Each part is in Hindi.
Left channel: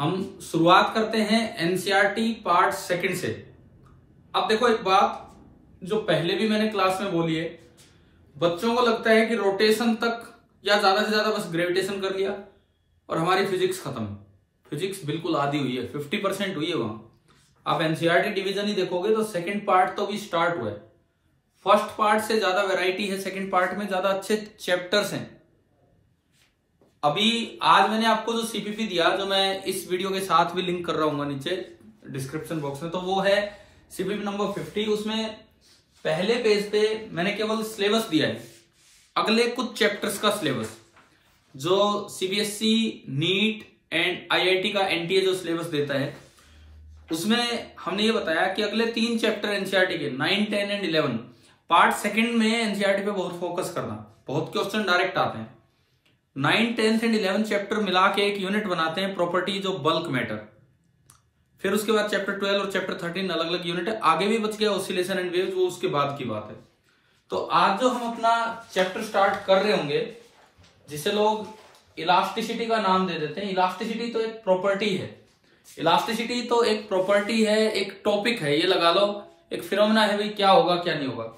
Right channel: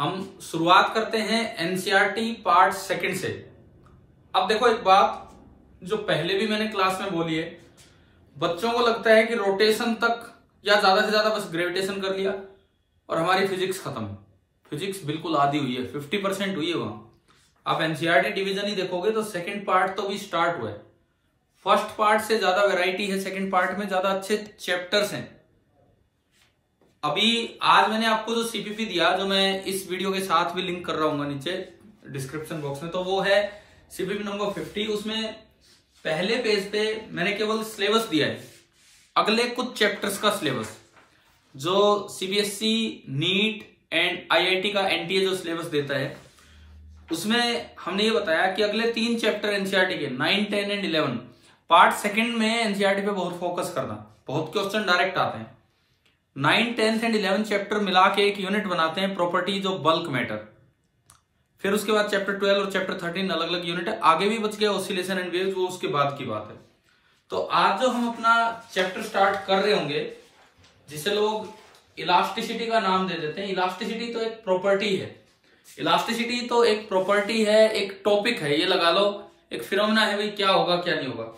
हम शुरुआत करते हैं एनसीईआरटी पार्ट सेकंड से। अब देखो एक बात जो पहले भी मैंने क्लास में बोली है, बच्चों को लगता है कि रोटेशन तक या ज्यादा से ज्यादा बस ग्रेविटेशन कर लिया और हमारी फिजिक्स खत्म। फिजिक्स बिल्कुल आधी हुई है, 50% हुई है वहां। आप एनसीईआरटी डिवीजन ही देखोगे तो सेकंड पार्ट तो भी स्टार्ट हुआ है। फर्स्ट पार्ट से ज्यादा वैरायटी है, सेकंड पार्ट में ज्यादा अच्छे चैप्टर्स हैं। अभी आज मैंने आपको जो सीपीपी दिया, जो मैं इस वीडियो के साथ भी लिंक कर रहा हूँ नीचे डिस्क्रिप्शन बॉक्स में, तो वो है सीपीपी नंबर 50। उसमें पहले पेज पे मैंने केवल सिलेबस दिया है, अगले कुछ चैप्टर्स का सिलेबस जो सीबीएसई, नीट एंड आईआईटी का एनटीए जो सिलेबस देता है, उसमें हमने ये बताया कि अगले 3 चैप्टर एनसीईआरटी के 9, 10 एंड 11 पार्ट सेकंड में एनसीईआरटी पे बहुत फोकस करना। बहुत क्वेश्चन डायरेक्ट आते हैं। 9, 10 एंड 11 चैप्टर मिला के एक यूनिट बनाते हैं, प्रॉपर्टीज ऑफ बल्क मैटर। फिर उसके बाद चैप्टर 12 और चैप्टर 13 अलग अलग यूनिट है। आगे भी बच गया ऑसिलेशन एंड वेव्स, वो उसके बाद की बात है। तो आज जो हम अपना चैप्टर स्टार्ट कर रहे होंगे, जिसे लोग इलास्टिसिटी का नाम दे देते हैं। इलास्टिसिटी तो एक प्रॉपर्टी है, इलास्टिसिटी तो एक प्रॉपर्टी है, एक टॉपिक है, ये लगा लो, एक फिनोमेना है भाई, क्या होगा क्या नहीं होगा।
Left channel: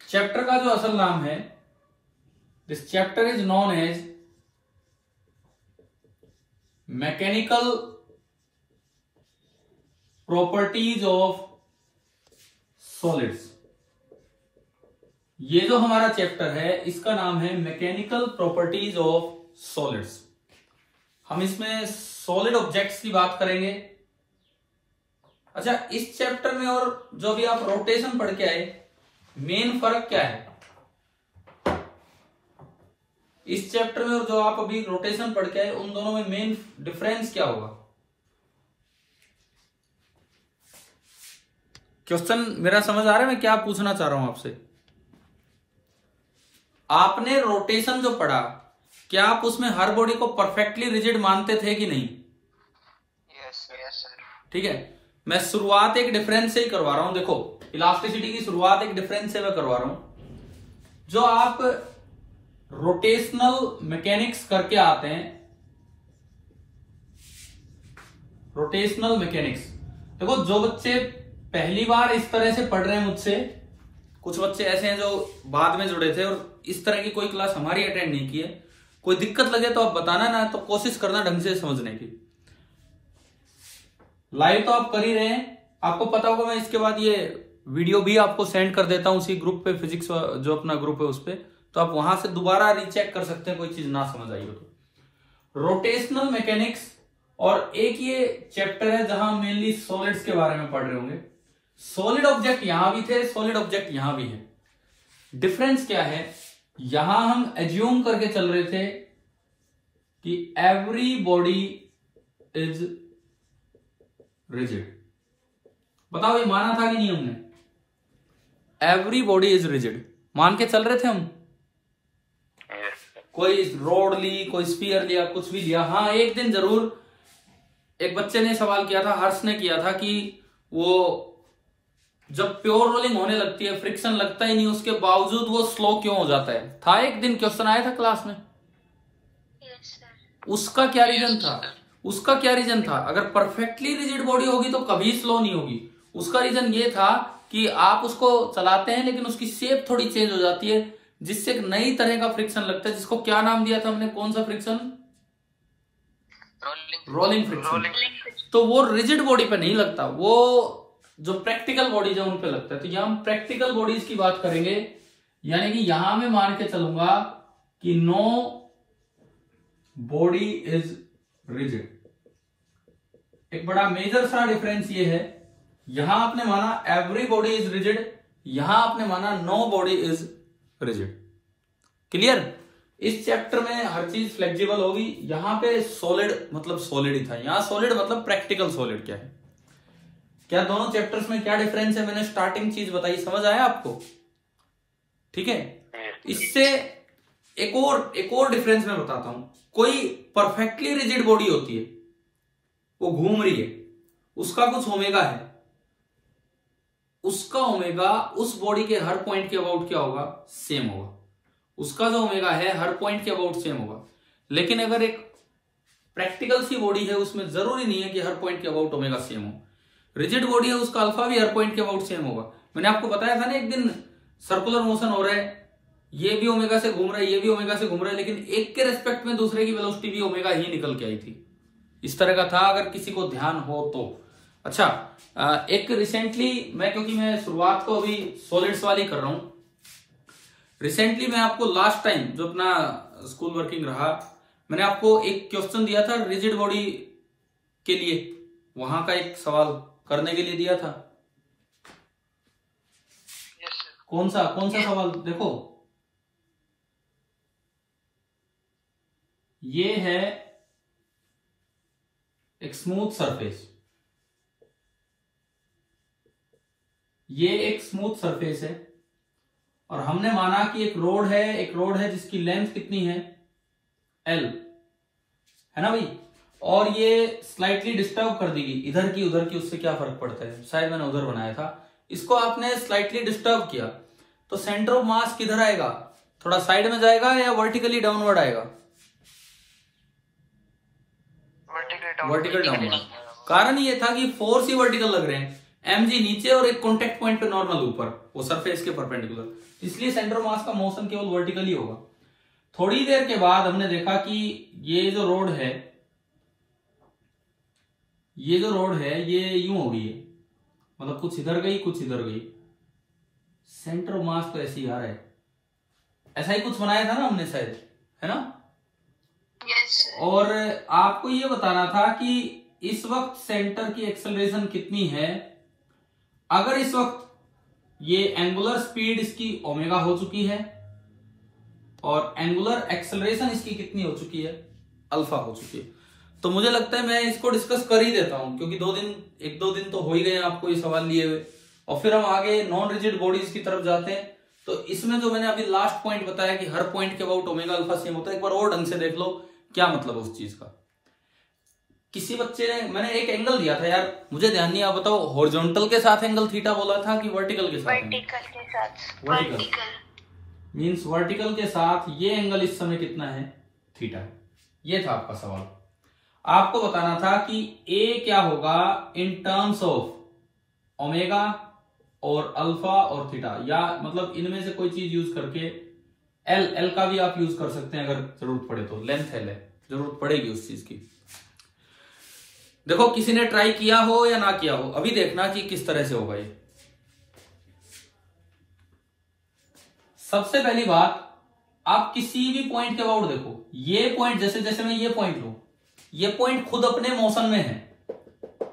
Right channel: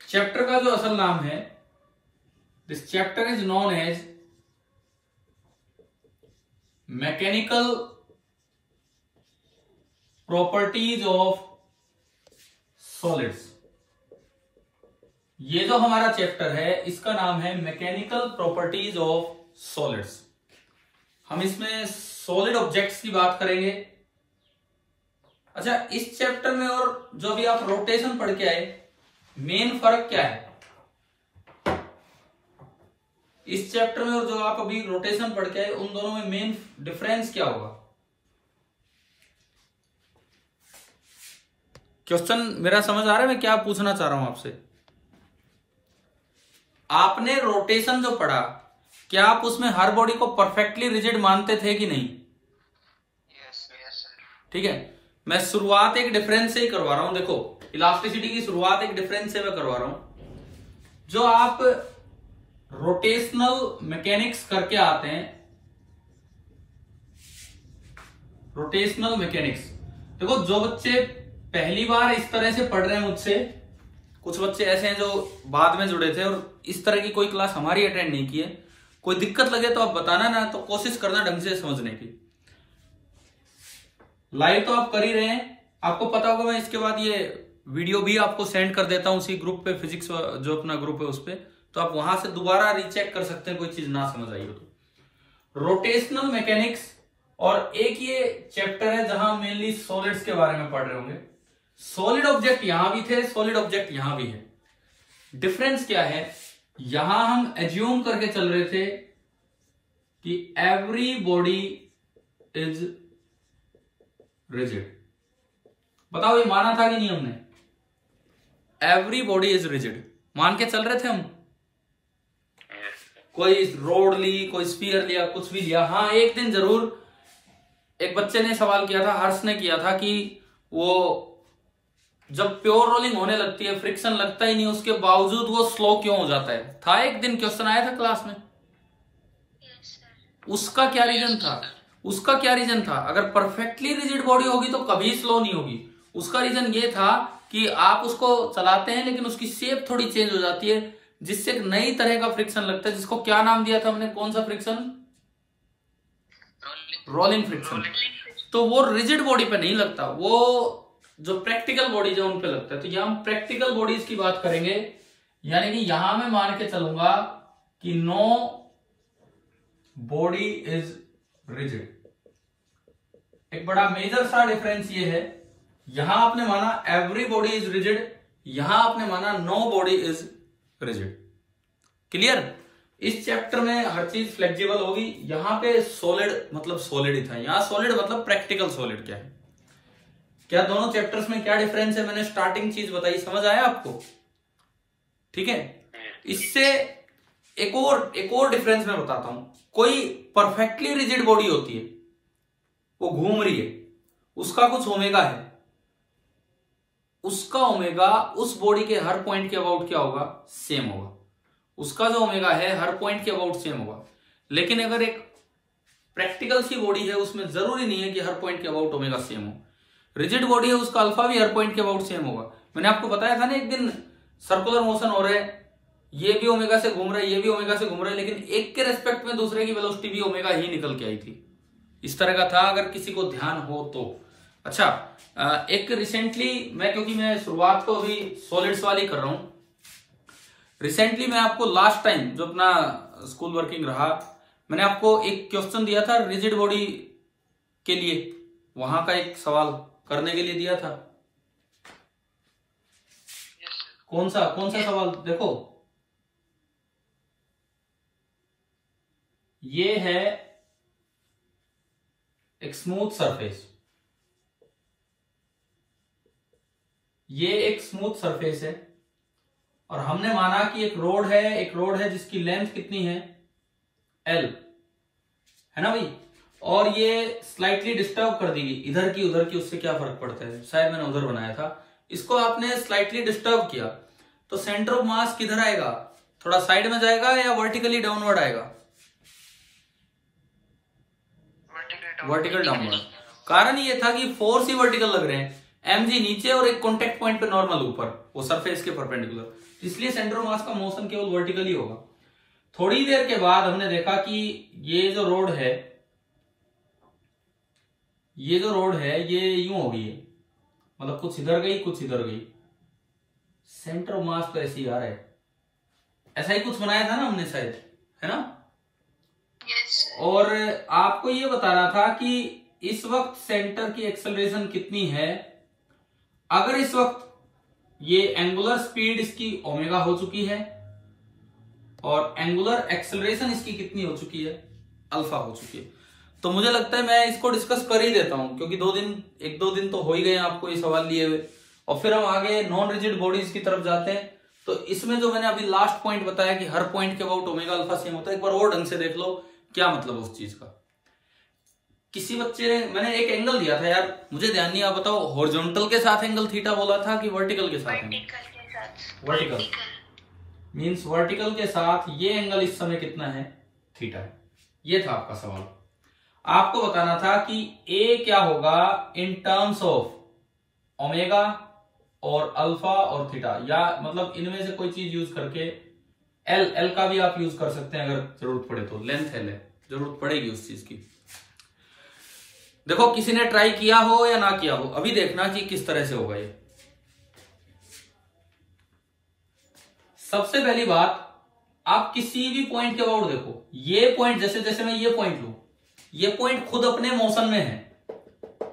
चैप्टर का जो असल नाम है, this chapter is known as mechanical properties of solids. ये जो हमारा चैप्टर है, इसका नाम है मैकेनिकल प्रॉपर्टीज ऑफ सॉलिड्स। हम इसमें सॉलिड ऑब्जेक्ट्स की बात करेंगे। अच्छा, इस चैप्टर में और जो अभी आप रोटेशन पढ़ के आए, मेन फर्क क्या है इस चैप्टर में और जो आप अभी रोटेशन पढ़ के आए, उन दोनों में मेन डिफरेंस क्या होगा? क्वेश्चन मेरा समझ आ रहा है मैं क्या पूछना चाह रहा हूं आपसे? आपने रोटेशन जो पढ़ा, क्या आप उसमें हर बॉडी को परफेक्टली रिजिड मानते थे कि नहीं? यस। ठीक है, मैं शुरुआत एक डिफरेंस से ही करवा रहा हूं। देखो, इलास्टिसिटी की शुरुआत एक डिफरेंस से मैं करवा रहा हूं। जो आप रोटेशनल मैकेनिक्स करके आते हैं, रोटेशनल मैकेनिक्स, देखो जो बच्चे पहली बार इस तरह से पढ़ रहे हैं मुझसे, कुछ बच्चे ऐसे हैं जो बाद में जुड़े थे और इस तरह की कोई क्लास हमारी अटेंड नहीं की है, कोई दिक्कत लगे तो आप बताना ना, तो कोशिश करना ढंग से समझने की। लाइव तो आप कर ही रहे हैं, आपको पता होगा। मैं इसके बाद ये वीडियो भी आपको सेंड कर देता हूं उसी ग्रुप पे, फिजिक्स जो अपना ग्रुप है उस पे, तो आप वहां से दोबारा रीचेक कर सकते हैं कोई चीज ना समझ आई हो तो। रोटेशनल मैकेनिक्स और एक ये चैप्टर है जहां मेनली सॉलिड्स के बारे में पढ़ रहे होंगे। सॉलिड ऑब्जेक्ट यहां भी थे, सॉलिड ऑब्जेक्ट यहां भी है। डिफरेंस क्या है? यहां हम एज्यूम करके चल रहे थे कि एवरी बॉडी इज रिजिड। बताओ ये माना था कि नहीं हमने? एवरी बॉडी इज रिजिड मान के चल रहे थे हम। कोई रोड ली, कोई स्फीयर लिया, कुछ भी लिया। हाँ, एक दिन जरूर एक बच्चे ने सवाल किया था, हर्ष ने किया था, कि वो जब प्योर रोलिंग होने लगती है, फ्रिक्शन लगता ही नहीं, उसके बावजूद वो स्लो क्यों हो जाता है? था एक दिन क्वेश्चन आया था क्लास में। उसका क्या रीजन था? उसका क्या रीजन था? अगर परफेक्टली रिजिड बॉडी होगी तो कभी स्लो नहीं होगी। उसका रीजन ये था कि आप उसको चलाते हैं लेकिन उसकी शेप थोड़ी चेंज हो जाती है, जिससे एक नई तरह का फ्रिक्शन लगता है, जिसको क्या नाम दिया था हमने? कौन सा फ्रिक्शन? Rolling friction. तो वो रिजिड बॉडी पे नहीं लगता, वो जो प्रैक्टिकल बॉडीज है उन पे लगता है। तो यहां हम प्रैक्टिकल बॉडीज की बात करेंगे, यानी कि यहां मैं मान के चलूंगा कि नो बॉडी इज रिजिड। एक बड़ा मेजर सा डिफरेंस ये है, यहां आपने माना एवरी बॉडी इज रिजिड, यहां आपने माना no body is rigid. Clear? इस चैप्टर में हर चीज फ्लेक्सिबल होगी। यहां पे सॉलिड मतलब सॉलिड ही था, यहां सॉलिड मतलब प्रैक्टिकल सॉलिड क्या है। क्या दोनों चैप्टर्स में क्या डिफरेंस है? मैंने स्टार्टिंग चीज बताई, समझ आया आपको? ठीक है, इससे एक और डिफरेंस मैं बताता हूं। कोई परफेक्टली रिजिड बॉडी होती है, वो घूम रही है, उसका कुछ ओमेगा है, उसका ओमेगा उस बॉडी के हर पॉइंट के अबाउट क्या होगा? सेम होगा। उसका जो ओमेगा है हर पॉइंट के अबाउट सेम होगा। लेकिन अगर एक प्रैक्टिकल सी बॉडी है, उसमें जरूरी नहीं है कि हर पॉइंट के अबाउट ओमेगा सेम हो। रिजिड बॉडी है, उसका अल्फा भी हर पॉइंट के अबाउट सेम होगा। मैंने आपको बताया था ना एक दिन, सर्कुलर मोशन हो रहा है, ये भी ओमेगा से घूम रहा है, ये भी ओमेगा से घूम रहा है, लेकिन एक के रेस्पेक्ट में दूसरे की वेलोसिटी भी ओमेगा ही निकल के आई थी। इस तरह का था, अगर किसी को ध्यान हो तो। अच्छा, एक रिसेंटली क्योंकि मैं शुरुआत को अभी सॉलिड्स वाली कर रहा हूं, रिसेंटली मैं आपको लास्ट टाइम जो अपना स्कूल वर्किंग रहा, मैंने आपको एक क्वेश्चन दिया था रिजिड बॉडी के लिए, वहां का एक सवाल करने के लिए दिया था। कौन सा सवाल देखो, ये है एक स्मूथ सरफेस, ये एक स्मूथ सरफेस है, और हमने माना कि एक रोड है जिसकी लेंथ कितनी है, L, है ना भाई, और ये स्लाइटली डिस्टर्ब कर दी गई, इधर की उधर की, उससे क्या फर्क पड़ता है, शायद मैंने उधर बनाया था, इसको आपने स्लाइटली डिस्टर्ब किया, तो सेंटर ऑफ मास किधर आएगा, थोड़ा साइड में जाएगा या वर्टिकली डाउनवर्ड आएगा, वर्टिकल डाउनवर्ड। कारण ये था कि फोर्स ही वर्टिकल लग रहे हैं, mg नीचे और एक कॉन्टेक्ट पॉइंट पे नॉर्मल ऊपर, वो सरफेस के परपेंडिकुलर, इसलिए सेंटर ऑफ मास का मोशन केवल वर्टिकली होगा। थोड़ी देर के बाद हमने देखा कि ये जो रोड है ये यूं हो गई है, मतलब कुछ इधर गई कुछ इधर गई, सेंटर ऑफ मास तो ऐसे ही आ रहा है, ऐसा ही कुछ बनाया था ना हमने शायद, है ना। और आपको ये बताना था कि इस वक्त सेंटर की एक्सेलरेशन कितनी है। अगर इस वक्त ये एंगुलर स्पीड इसकी ओमेगा हो चुकी है और एंगुलर एक्सेलरेशन इसकी कितनी हो चुकी है, अल्फा हो चुकी है, तो मुझे लगता है मैं इसको डिस्कस कर ही देता हूं, क्योंकि एक दो दिन तो हो ही गए आपको ये सवाल लिए हुए, और फिर हम आगे नॉन रिजिड बॉडीज की तरफ जाते हैं। तो इसमें जो मैंने अभी लास्ट पॉइंट बताया कि हर पॉइंट के अबाउट ओमेगा अल्फा सेम होता है, एक बार और ढंग से देख लो क्या मतलब उस चीज का। किसी बच्चे ने, मैंने एक एंगल दिया था यार, मुझे ध्यान नहीं, आप बताओ, हॉरिजॉन्टल के साथ एंगल थीटा बोला था कि वर्टिकल के साथ एंगल, वर्टिकल मींस वर्टिकल के साथ ये एंगल इस समय कितना है, थीटा। ये था आपका सवाल। आपको बताना था कि ए क्या होगा इन टर्म्स ऑफ ओमेगा और अल्फा और थीटा, या मतलब इनमें से कोई चीज यूज करके, एल का भी आप यूज कर सकते हैं अगर जरूरत पड़े तो, लेंथ एल है, जरूरत पड़ेगी उस चीज की। देखो किसी ने ट्राई किया हो या ना किया हो, अभी देखना कि किस तरह से होगा ये। सबसे पहली बात, आप किसी भी पॉइंट के अबाउट देखो, ये पॉइंट जैसे मैं ये पॉइंट लूं, ये पॉइंट खुद अपने मोशन में है,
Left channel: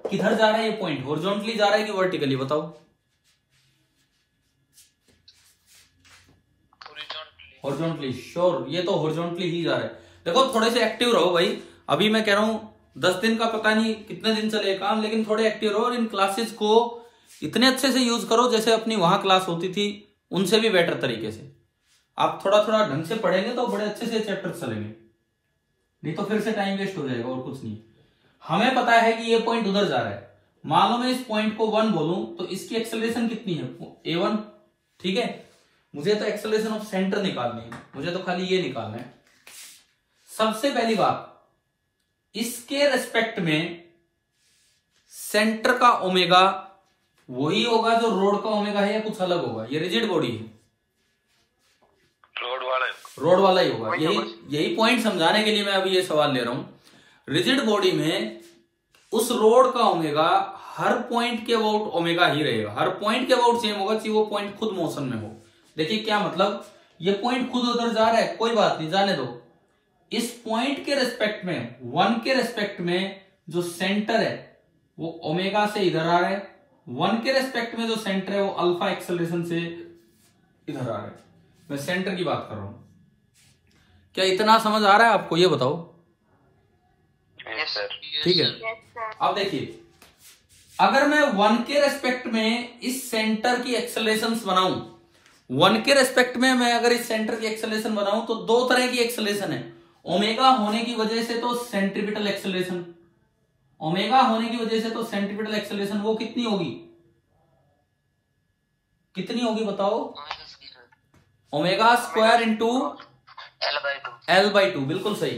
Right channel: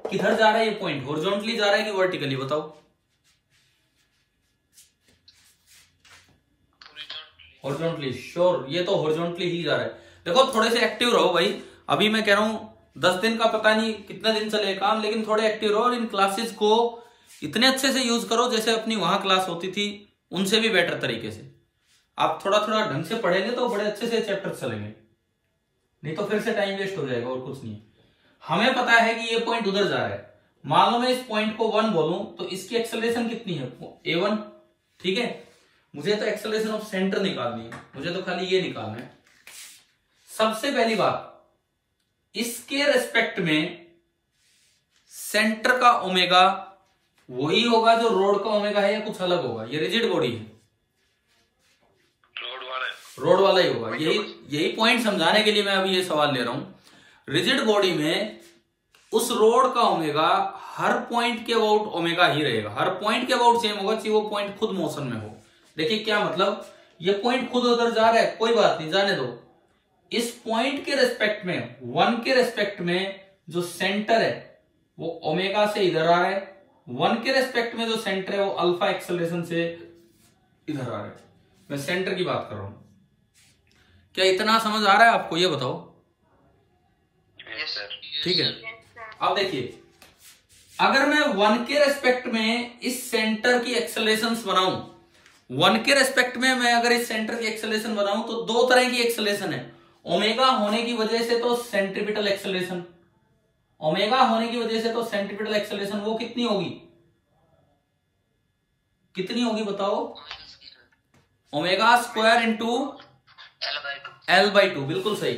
किधर जा रहा है ये पॉइंट, हॉरिजॉन्टली जा रहा है कि वर्टिकली, बताओ। हॉरिजॉन्टली, श्योर, ये तो हॉरिजॉन्टली ही जा रहा है। देखो थोड़े से एक्टिव रहो भाई, अभी मैं कह रहा हूं 10 दिन का पता नहीं कितने दिन चले काम, लेकिन थोड़े एक्टिव रहो और इन क्लासेस को इतने अच्छे से यूज करो जैसे अपनी वहां क्लास होती थी, उनसे भी बेटर तरीके से। आप थोड़ा थोड़ा ढंग से पढ़ेंगे तो बड़े अच्छे से चैप्टर चलेंगे, नहीं तो फिर से टाइम वेस्ट हो जाएगा और कुछ नहीं। हमें पता है कि ये पॉइंट उधर जा रहा है, मान लो मैं इस पॉइंट को 1 बोलूं तो इसकी एक्सेलरेशन कितनी है, a1, ठीक है। मुझे तो एक्सेलरेशन ऑफ सेंटर निकालनी है, मुझे तो खाली ये निकालना है। सबसे पहली बात, इसके रेस्पेक्ट में सेंटर का ओमेगा वही होगा जो रोड का ओमेगा है या कुछ अलग होगा, ये रिजिड बॉडी है, रोड वाला ही होगा। यही पॉइंट समझाने के लिए मैं अभी ये सवाल ले रहा हूं। रिजिड बॉडी में उस रोड का ओमेगा हर पॉइंट के अबाउट ओमेगा ही रहेगा, हर पॉइंट के अबाउट सेम होगा, चाहे वो पॉइंट खुद मोशन में हो। देखिए क्या मतलब, ये पॉइंट खुद उधर जा रहा है, कोई बात नहीं, जाने दो। इस पॉइंट के रेस्पेक्ट में, 1 के रेस्पेक्ट में जो सेंटर है वो ओमेगा से इधर आ रहा है, 1 के रेस्पेक्ट में जो सेंटर है वो अल्फा एक्सेलरेशन से इधर आ रहा है। मैं सेंटर की बात कर रहा हूं, क्या इतना समझ आ रहा है आपको, ये बताओ। ठीक है, अब देखिए, अगर मैं 1 के रेस्पेक्ट में इस सेंटर की एक्सेलरेशन बनाऊं, 1 के रेस्पेक्ट में मैं अगर इस सेंटर की एक्सेलरेशन बनाऊं तो 2 तरह की एक्सेलरेशन है। ओमेगा होने की वजह से तो सेंट्रीपिटल एक्सेलरेशन, ओमेगा होने की वजह से तो सेंट्रीपिटल एक्सेलरेशन वो कितनी होगी, बताओ, ओमेगा स्क्वायर इंटू L/2, बिल्कुल सही।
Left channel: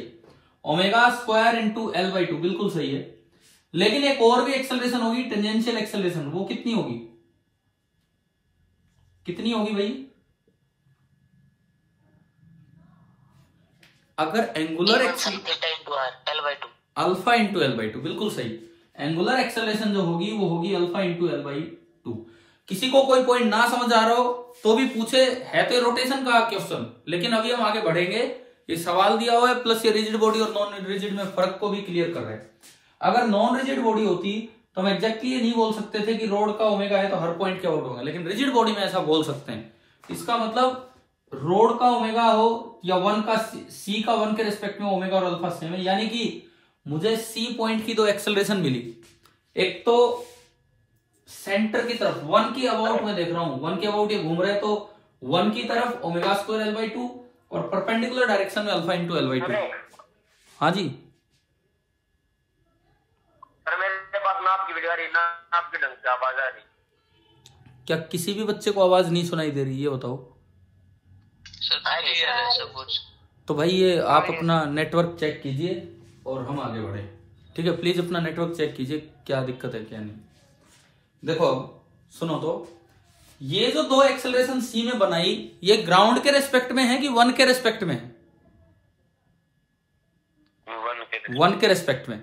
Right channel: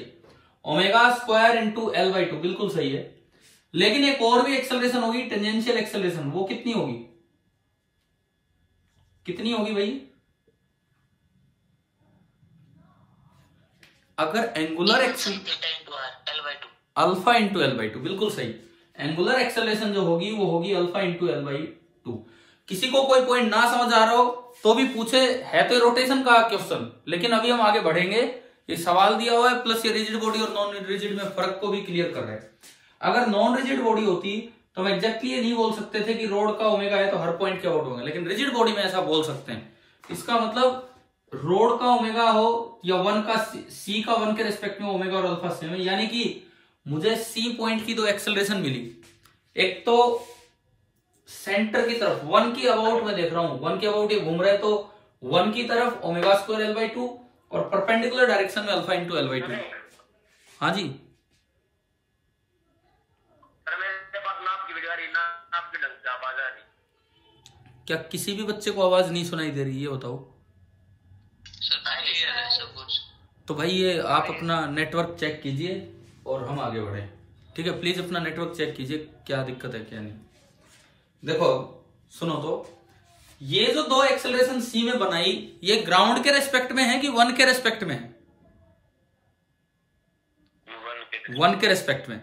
Omega square into L by to, बिल्कुल सही है। लेकिन एक और भी एक्सेलरेशन होगी, टेंजेंशियल एक्सेलरेशन, वो कितनी होगी, कितनी होगी भाई? अगर angular alpha into L by to, बिल्कुल सही। एंगुलर एक्सेलरेशन जो होगी वो होगी alpha into L by to. किसी को कोई पॉइंट ना समझ आ रहा हो तो भी पूछे, है तो रोटेशन का क्वेश्चन, लेकिन अभी हम आगे बढ़ेंगे। ये सवाल दिया हुआ है, प्लस ये रिजिड बॉडी और नॉन रिजिड में फर्क को भी क्लियर कर रहे हैं। अगर नॉन रिजिड बॉडी होती तो हम एग्जैक्टली ये नहीं बोल सकते थे कि रोड का ओमेगा है तो हर पॉइंट के आउट होंगे, लेकिन रिजिड बॉडी में ऐसा बोल सकते हैं। इसका मतलब रोड का ओमेगा हो या वन का सी का वन के रिस्पेक्ट में ओमेगा और अल्फा सेम है, यानी कि मुझे सी पॉइंट की दो एक्सेलरेशन मिली। एक तो सेंटर की तरफ वन की अबाउट में देख रहा हूं, वन के अबाउट ये घूम रहे, तो वन की तरफ omega square L by to और परपेंडिकुलर डायरेक्शन में alpha into L by to. हाँ जी, आपके ढंग से आवाज आ रही, क्या किसी भी बच्चे को आवाज नहीं सुनाई दे रही है, बताओ? सब कुछ। तो भाई ये आप अपना नेटवर्क चेक कीजिए और हम आगे बढ़े, ठीक है? प्लीज अपना नेटवर्क चेक कीजिए, क्या दिक्कत है क्या नहीं। देखो अब सुनो, तो ये जो दो एक्सेलरेशन सी में बनाई, ये ग्राउंड के रेस्पेक्ट में है कि वन के रेस्पेक्ट में है? वन के रेस्पेक्ट में।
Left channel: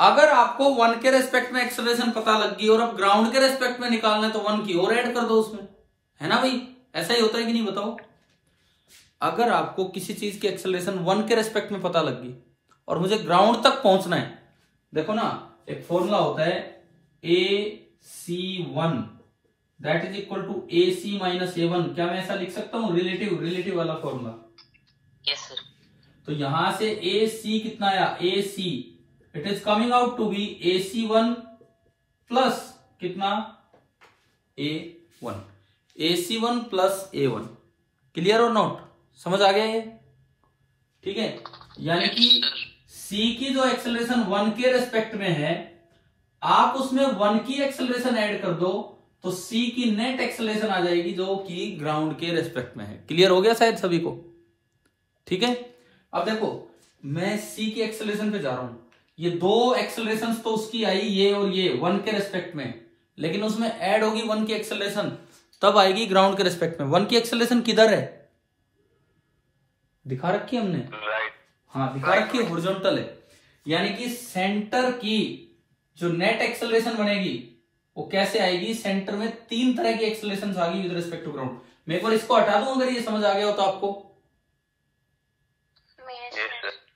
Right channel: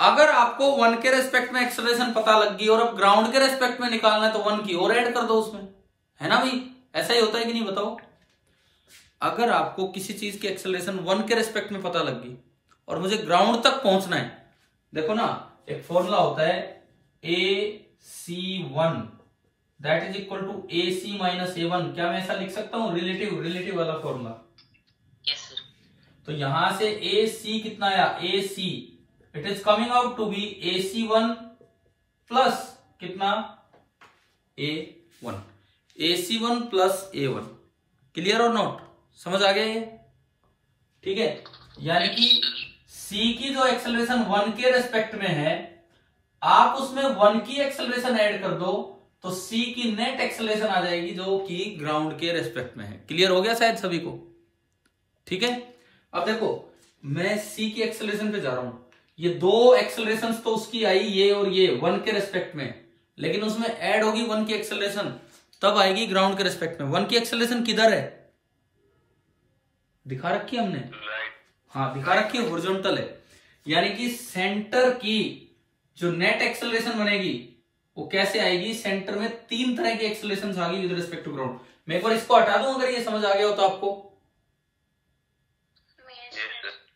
अगर आपको वन के रेस्पेक्ट में एक्सेलरेशन पता लग गई और अब ग्राउंड के रेस्पेक्ट में निकालना है तो वन की और ऐड कर दो उसमें, है ना भाई? ऐसा ही होता है कि नहीं, बताओ? अगर आपको किसी चीज की एक्सेलरेशन वन के रेस्पेक्ट में पता लग गई और मुझे ग्राउंड तक पहुंचना है, देखो ना, एक फॉर्मूला होता है AC1 that is equal to AC minus A1। क्या मैं ऐसा लिख सकता हूं? रिलेटिव वाला फॉर्मूला। Yes sir. तो यहां से AC कितना आया? AC, it is coming out to be AC1 plus कितना? A1। AC1 plus A1। Clear और नोट? समझ आ गया ये? ठीक है, यानी कि C की जो एक्सेलरेशन वन के रेस्पेक्ट में है, आप उसमें वन की एक्सेलरेशन ऐड कर दो तो C की नेट एक्सेलरेशन आ जाएगी जो कि ग्राउंड के रेस्पेक्ट में है। क्लियर हो गया शायद सभी को? ठीक है, अब देखो मैं C की एक्सेलरेशन पे जा रहा हूं। ये दो एक्सेलरेशन तो उसकी आई, ये और ये, वन के रेस्पेक्ट में, लेकिन उसमें ऐड होगी वन की एक्सेलरेशन, तब आएगी ग्राउंड के रेस्पेक्ट में। वन की एक्सेलरेशन किधर है? दिखा रखी है हमने, हाँ दिखा रखी है, हॉरिजॉन्टल है। यानी कि सेंटर की जो नेट एक्सेलरेशन बनेगी वो कैसे आएगी? सेंटर में तीन तरह की एक्सेलरेशन आ गई विद रिस्पेक्ट टू ग्राउंड। मैं एक बार इसको हटा दूं अगर ये समझ आ गया हो तो आपको,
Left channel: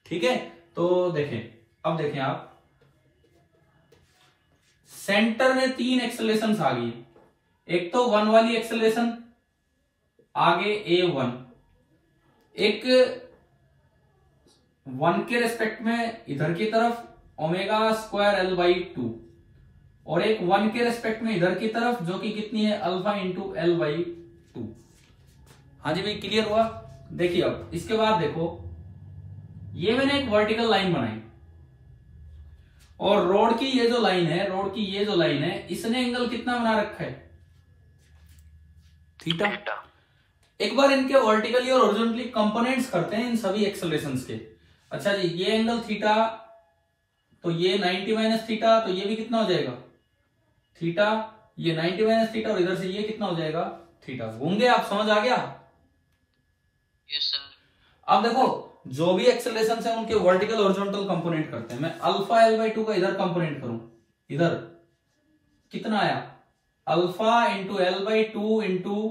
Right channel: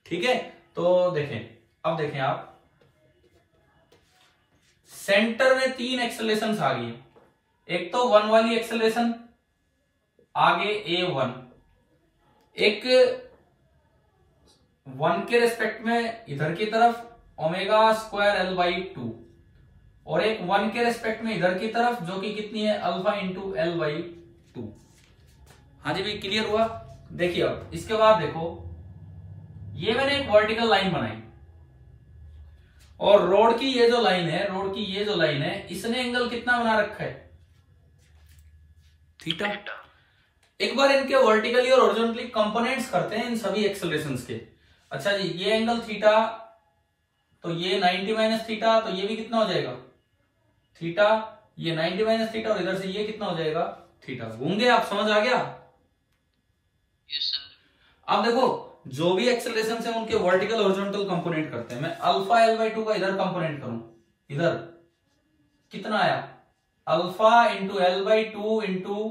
ठीक है? तो देखें, अब देखें आप, सेंटर में तीन एक्सेलरेशन आ गई। एक तो वन वाली एक्सेलरेशन आगे A1, एक वन के रेस्पेक्ट में इधर की तरफ omega square L by to, और एक वन के रेस्पेक्ट में इधर की तरफ जो कि कितनी है? Alpha into L by to. हाँ जी भाई, क्लियर हुआ? देखिए अब इसके बाद देखो, ये मैंने एक वर्टिकल लाइन बनाई और रोड की ये जो लाइन है, रोड की ये जो लाइन है, इसने एंगल कितना बना रखा है? थीटा। एक बार इनके वर्टिकली और हॉरिजॉन्टली कंपोनेंट्स करते हैं इन सभी एक्सेलरेशंस के। अच्छा जी, ये एंगल थीटा, तो ये 90 माइनस थीटा, तो ये भी कितना हो जाएगा? थीटा। ये 90 माइनस थीटा और इधर से ये कितना हो जाएगा? थीटा। घूम गए आप? समझ आ गया? Yes sir. अब देखो, जो भी एक्सेलरेशन है उनके वर्टिकल हॉरिजॉन्टल कंपोनेंट करते हैं। मैं अल्फा एल बाई टू का इधर कंपोनेंट करूं, इधर कितना आया? Alpha into L by two into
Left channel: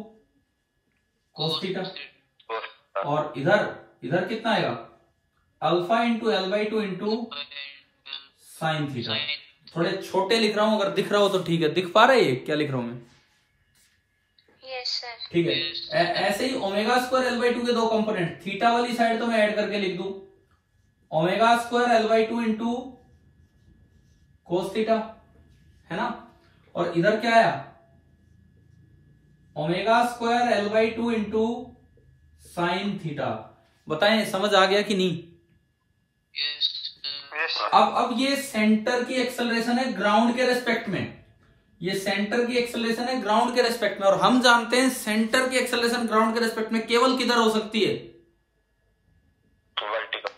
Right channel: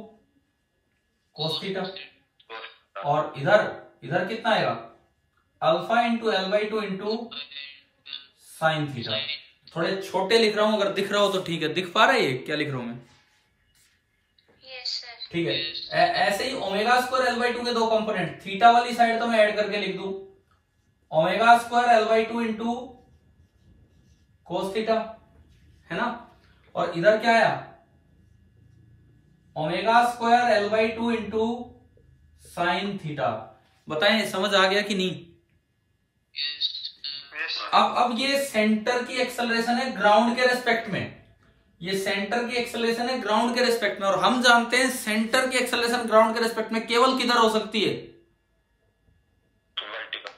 cos theta, और इधर कितना आएगा? Alpha into L by two into sine theta. थोड़े छोटे लिख रहा हूं, अगर दिख रहा हो तो ठीक है। दिख पा रहा है ये क्या लिख रहा हूं मैं? ठीक है। ऐसे ही omega square L by two के दो कंपोनेंट, थीटा वाली साइड तो मैं ऐड करके लिख दूं omega square L by two into cos theta, है ना? और इधर क्या आया? Omega square L by two into sine theta. बताएं समझ आ गया कि नहीं? अब ये सेंटर की एक्सेलरेशन है ग्राउंड के रेस्पेक्ट में, ये सेंटर की एक्सेलरेशन है ग्राउंड के रेस्पेक्ट में, और हम जानते हैं सेंटर की एक्सेलरेशन ग्राउंड के रेस्पेक्ट में केवल किधर हो सकती है?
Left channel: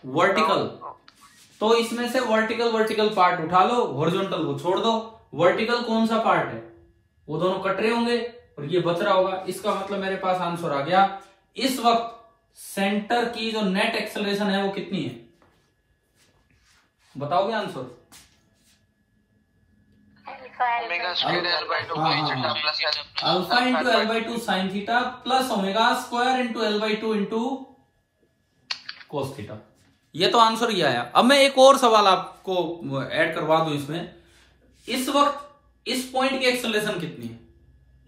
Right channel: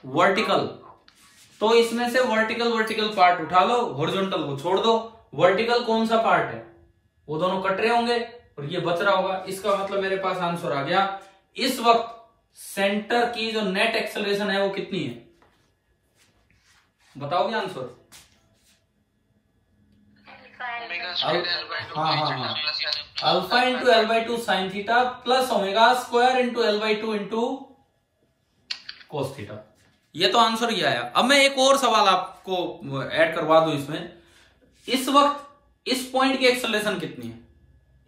वर्टिकल। तो इसमें से वर्टिकल पार्ट उठा लो, हॉरिजॉन्टल को छोड़ दो। वर्टिकल कौन सा पार्ट है, वो दोनों कट रहे होंगे और ये बच रहा होगा। इसका मतलब मेरे पास आंसर आ गया। इस वक्त सेंटर की जो नेट एक्सेलरेशन है वो कितनी है, बताओगे answer? Alpha into L/2 sine theta plus omega square into L/2 into cos theta. ये तो आंसर ये आया। अब मैं एक और सवाल आपको ऐड करवा दूं इसमें। इस वक्त इस पॉइंट की एक्सेलरेशन कितनी है,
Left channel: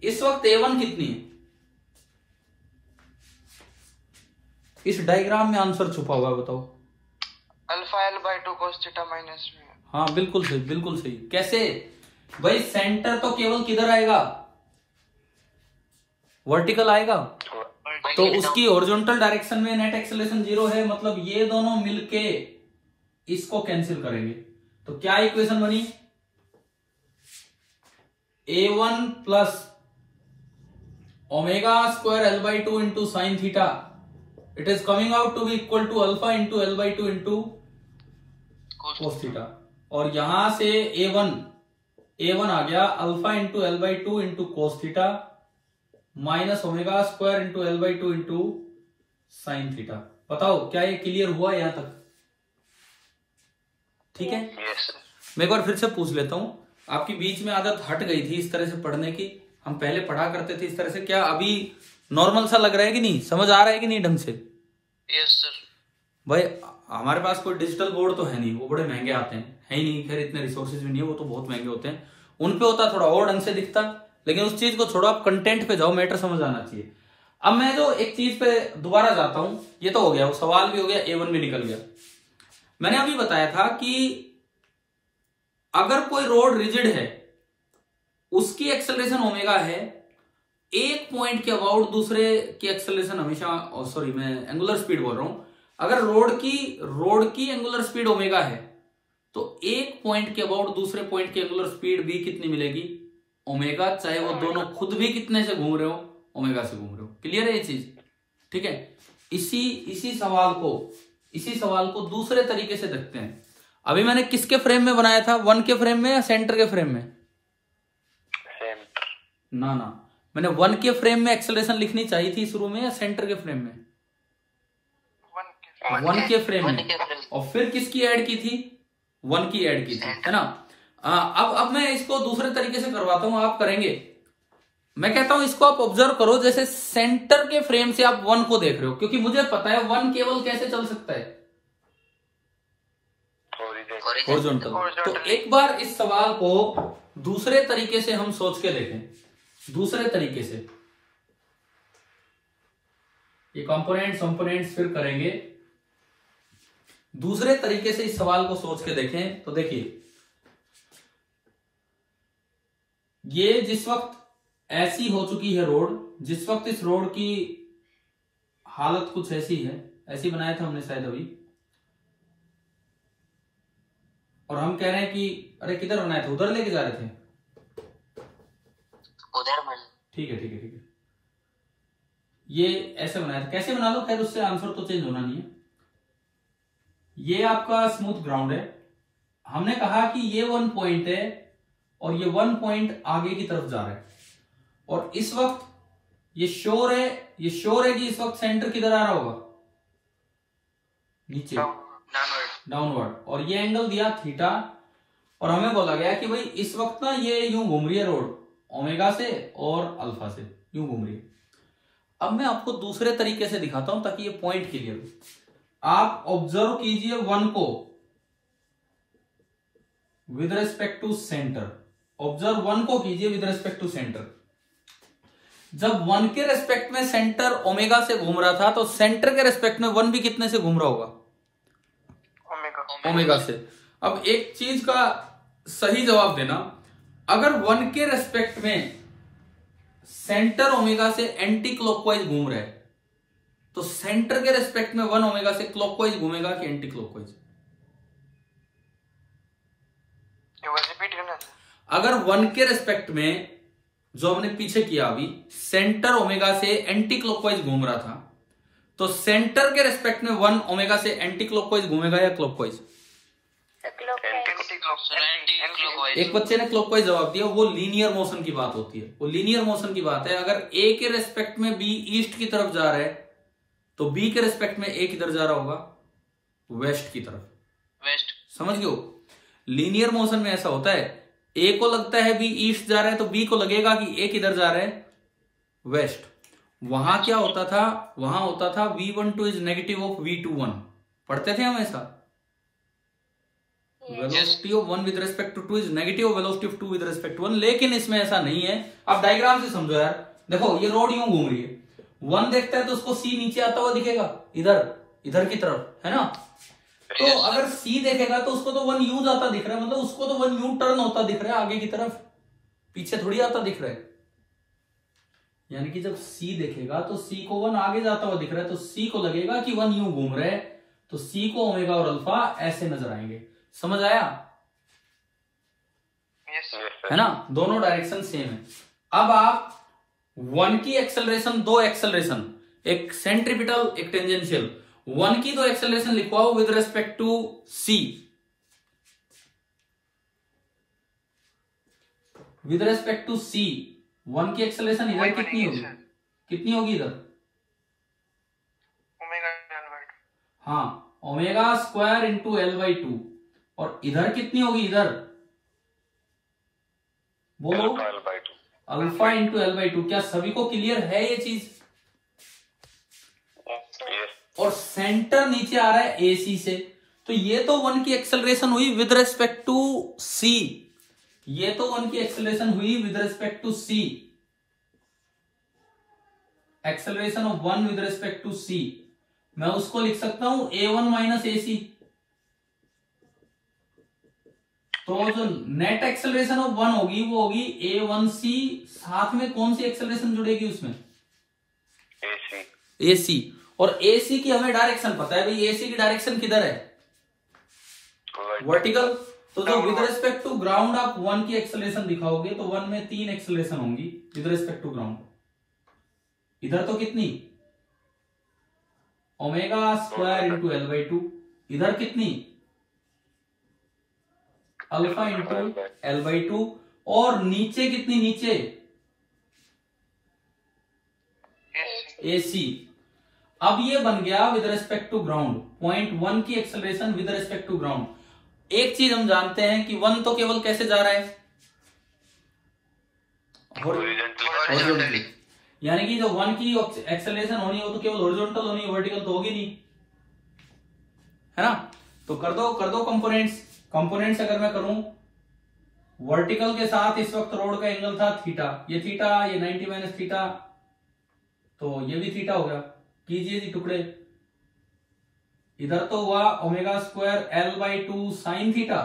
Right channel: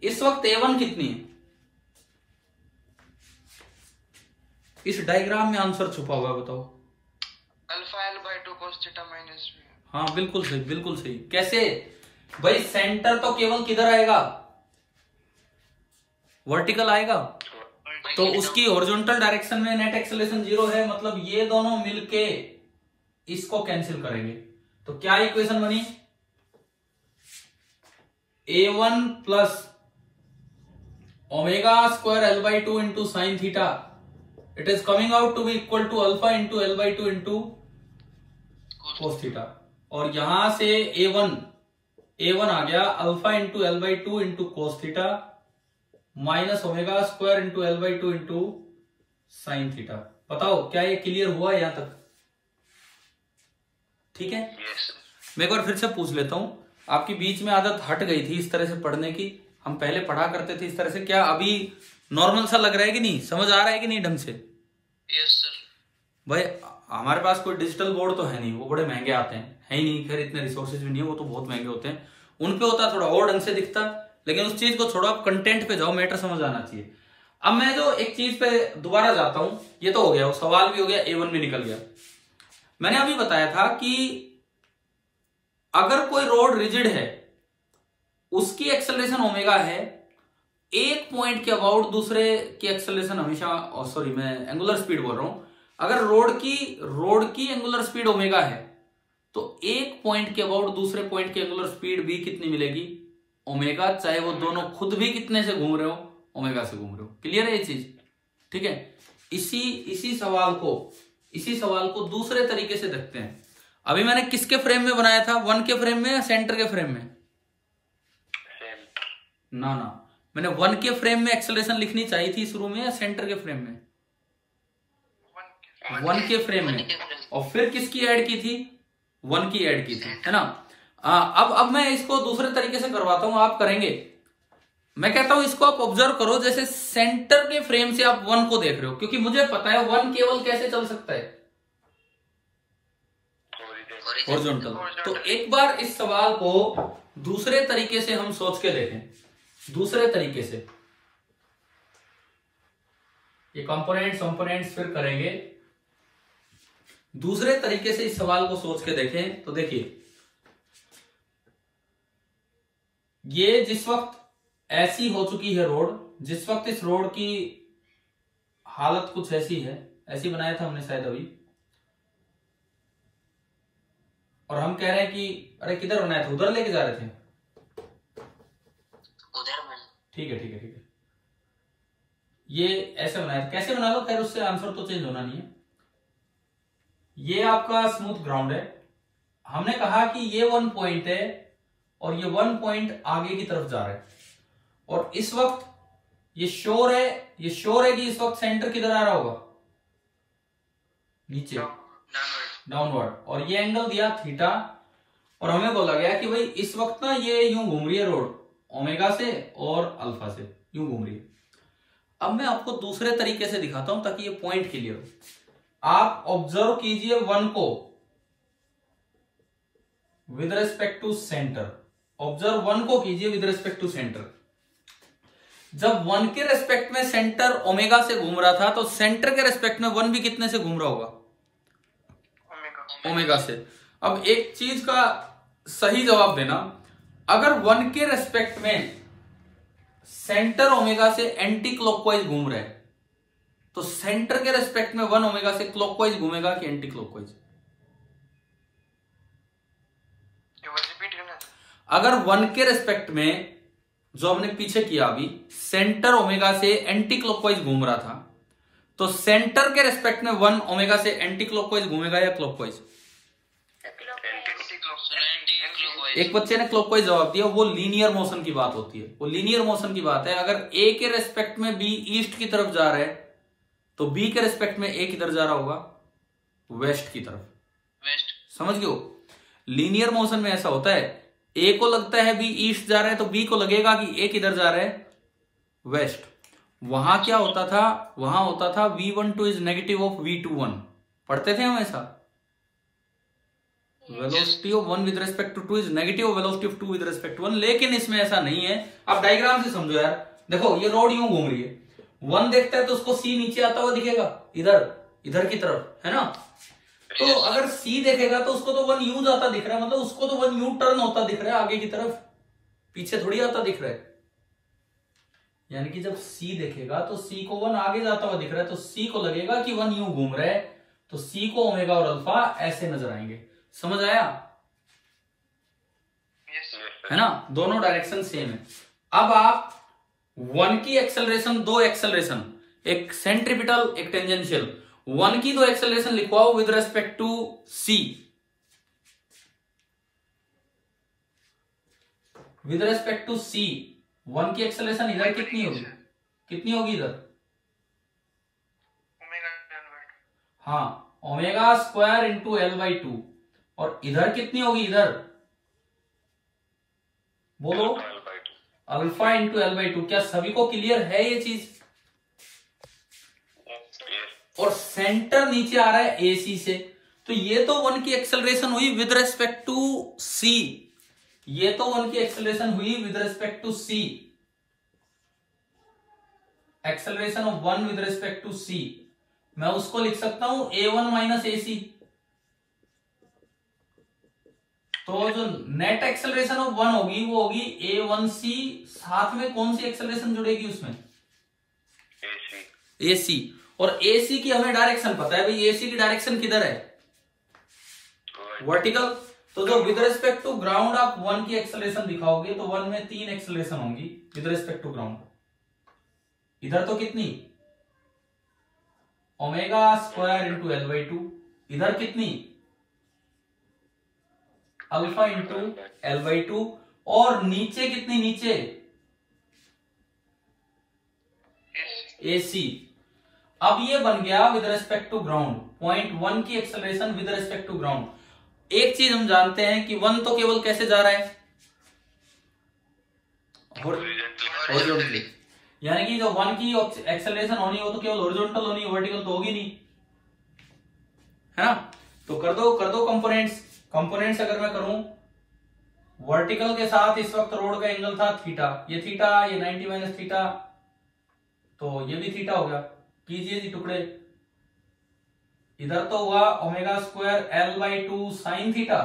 इस वक्त A1 कितनी है? इस डायग्राम में आंसर छुपा हुआ है, बताओ। अल्फा L/2 कोस थीटा माइनस में। हाँ बिल्कुल सही, बिल्कुल सही। कैसे भाई, सेंटर तो केवल किधर आएगा, वर्टिकल आएगा, तो उसकी हॉरिजॉन्टल डायरेक्शन में नेट एक्सेलरेशन 0 है। मतलब ये दोनों मिलके इसको कैंसिल करेंगे। तो क्या इक्वेशन बनी, A1 plus omega square L/2 into sine theta, it is coming out to be equal to alpha into L/2 into cos theta. और यहां से A1 आ गया alpha into L/2 into cos theta minus omega square into L/2 into sine theta. बताओ क्या ये क्लियर हुआ यहां तक? ठीक है। मैं एक बार फिर से पूछ लेता हूं, आपकी बीच में आदत हट गई थी इस तरह से पढ़ने की, हम पहले पढ़ा करते थे इस तरह से, क्या अभी नॉर्मल सा लग रहा है कि नहीं, समझ आ रहा है कि नहीं ढंग से? Yes sir. भाई हमारे पास कोई डिजिटल बोर्ड तो है नहीं, वो बड़े महंगे आते हैं, है ही नहीं, खैर इतने रिसोर्सेज भी नहीं है, वो तो बहुत महंगे होते हैं। उन पे होता थोड़ा और ढंग से दिखता, लेकिन उस चीज को छोड़ो, आप कंटेंट पे जाओ, मैटर समझ आना चाहिए। अब मैं जो एक चीज पे दोबारा जाता हूं, ये तो हो गया, वो सवाल भी हो गया, A1 भी निकल गया। मैंने अभी बताया था कि अगर कोई रोड रिजिड है, उसकी एक्सेलरेशन ओमेगा है, एक पॉइंट के अबाउट दूसरे की एक्सेलरेशन हमेशा, सॉरी मैं एंगुलर स्पीड बोल रहा हूं, अगर रोड की एंगुलर स्पीड ओमेगा है, तो एक पॉइंट के अबाउट दूसरे पॉइंट की एंगुलर स्पीड भी कितनी मिलेगी, ओमेगा, चाहे वो दोनों खुद भी कितने से घूम रहे हो, ओमेगा से घूम रहे हो। क्लियर है ये चीज? ठीक है। इसी सवाल को दूसरे तरीके से देखते हैं। अभी मैंने किसके फ्रेम में बनाया था, 1 के फ्रेम में या सेंटर के फ्रेम में? ना, मैंने 1 के फ्रेम में एक्सेलरेशन लिखनी चाहिए थी शुरू में, या सेंटर के फ्रेम में? 1 के फ्रेम में। और फिर किसकी ऐड की थी, 1 की ऐड की थी, है ना। अब मैं इसको दूसरे तरीके से करवाता हूं, आप करेंगे। मैं कहता हूं इसको आप ऑब्जर्व करो, जैसे सेंटर के फ्रेम से आप 1 को देख रहे हो, क्योंकि मुझे पता है 1 केवल कैसे चल सकता है, हॉरिजॉन्टल। तो एक बार इस सवाल को दूसरे तरीके से हम सोच के देखें, दूसरे तरीके से। ये कंपोनेंट्स फिर करेंगे, दूसरे तरीके से इस सवाल को सोच के देखें। तो देखिए, ये जिस वक्त ऐसी हो चुकी है रोड, जिस वक्त इस रोड की हालत कुछ ऐसी है, ऐसी बनाया था हमने शायद अभी, और हम कह रहे हैं कि अरे किधर बनाया था, उधर लेके जा रहे थे, उधर में। ठीक है। ये ऐसे बनाया था, कैसे बना लो, खैर उससे आंसर तो चेंज होना नहीं है। ये आपका स्मूथ ग्राउंड है, हमने कहा कि ये 1 पॉइंट है और ये 1 पॉइंट आगे की तरफ जा रहा है, और इस वक्त ये श्योर है कि इस वक्त सेंटर किधर आ रहा होगा, नीचे, डाउनवर्ड, और ये एंगल दिया थीटा, और हमें बोला गया कि भाई इस वक्त ना ये यूं घूम रही है रोड, ओमेगा से और अल्फा से यूं घूम रही है। अब मैं आपको दूसरे तरीके से दिखाता हूं ताकि ये पॉइंट क्लियर हो। आप ऑब्जर्व कीजिए 1 को with respect to centre, observe 1 को कीजिए विद रेस्पेक्ट टू सेंटर। जब 1 के रेस्पेक्ट में सेंटर ओमेगा से घूम रहा था, तो सेंटर के रेस्पेक्ट में 1 भी कितने से घूम रहा होगा, ओमेगा से। अब एक चीज का सही जवाब देना, अगर 1 के रेस्पेक्ट में सेंटर ओमेगा से एंटी क्लॉकवाइज घूम रहा है, तो सेंटर के रेस्पेक्ट में 1 ओमेगा से क्लॉकवाइज घूमेगा कि एंटी क्लॉकवाइज? अगर 1 के रेस्पेक्ट में, जो हमने पीछे किया अभी, सेंटर ओमेगा से एंटी क्लॉकवाइज घूम रहा था, तो सेंटर के रेस्पेक्ट में 1 ओमेगा से एंटी क्लॉकवाइज घूमेगा या क्लॉकवाइज? एक बच्चे ने क्लॉकवाइज जवाब दिया, वो लीनियर मोशन की बात होती है, वो लीनियर मोशन की बात है। अगर ए के रेस्पेक्ट में बी ईस्ट की तरफ जा रहा है तो बी के रेस्पेक्ट में ए किधर जा रहा होगा, वेस्ट की तरफ, वेस्ट। समझ गए हो? लीनियर मोशन में ऐसा होता है, ए को लगता है बी ईस्ट जा रहा है तो बी को लगेगा कि ए किधर जा रहा है, वेस्ट। वहां क्या होता था, वहां होता था V12 is negative of V21, पढ़ते थे हम ऐसा, velocity of 1 with respect to 2 is negative of velocity of 2 with respect to 1। लेकिन इसमें ऐसा नहीं है। अब डायग्राम से समझो यार, देखो ये रोड यूं घूम रही है, 1 देखता है तो उसको C नीचे आता हुआ दिखेगा, इधर की तरफ, है ना? तो अगर C देखेगा तो उसको तो 1 यूं जाता दिख रहा है, मतलब उसको तो 1 यूं टर्न होता दिख रहा है आगे की तरफ, पीछे थोड़ी आता दिख रहा है। यानी कि जब C देखेगा तो C को 1 आगे जाता हुआ दिख रहा है, तो C को लगेगा कि 1 यूं घूम रहा है, तो C को ओमेगा और अल्फा ऐसे नजर आएंगे। समझ आया? है ना? दोनों डायरेक्शन सेम है। अब आप 1 की एक्सेलरेशन, 2 एक्सेलरेशन, एक सेंट्रीपिटल एक टेंजेंशियल, 1 की 2 एक्सेलरेशन लिखवाओ with respect to C। With respect to C 1 की एक्सेलरेशन इधर कितनी होगी, इधर? हाँ, ओमेगा स्क्वायर इंटू L/2। और इधर कितनी होगी, इधर बोलो, अल्फा इंटू L/2। क्या सभी को क्लियर है ये चीज? और सेंटर नीचे आ रहा है AC से, तो ये तो 1 की एक्सेलरेशन हुई विद रेस्पेक्ट टू C, ये तो 1 की एक्सेलरेशन हुई with respect to C, acceleration of 1 with respect to C। मैं उसको लिख सकता हूं A1 माइनस AC। तो जो नेट एक्सेलरेशन ऑफ 1 होगी वो होगी A1C, साथ में कौन सी एक्सेलरेशन जुड़ेगी उसमें, AC। और AC की हमें डायरेक्शन पता है भाई, AC की डायरेक्शन किधर है, वर्टिकल। तो जो विद रेस्पेक्ट टू ग्राउंड आप 1 की एक्सेलरेशन दिखाओगे तो 1 में 3 एक्सेलरेशन होंगी विद रेस्पेक्ट टू ग्राउंड। इधर तो कितनी, ओमेगा स्क्वायर इंटू L/2, इधर कितनी, अल्फा इंटू L/2, और नीचे कितनी, नीचे AC। अब ये बन गया with respect to ground, point 1 की acceleration with respect to ground. एक चीज हम जानते हैं कि 1 तो केवल कैसे जा रहा है, हॉरिजॉन्टली। यानी कि जो 1 की एक्सेलरेशन होनी हो तो केवल हॉरिजॉन्टल होनी, वर्टिकल तो होगी नहीं, है ना? तो कर दो कंपोनेंट्स अगर मैं करूं, वर्टिकल के साथ इस वक्त रोड का एंगल था थीटा, ये 90 माइनस थीटा, तो ये भी थीटा हो गया। कीजिए जी टुकड़े, इधर तो हुआ omega square L/2 sine theta,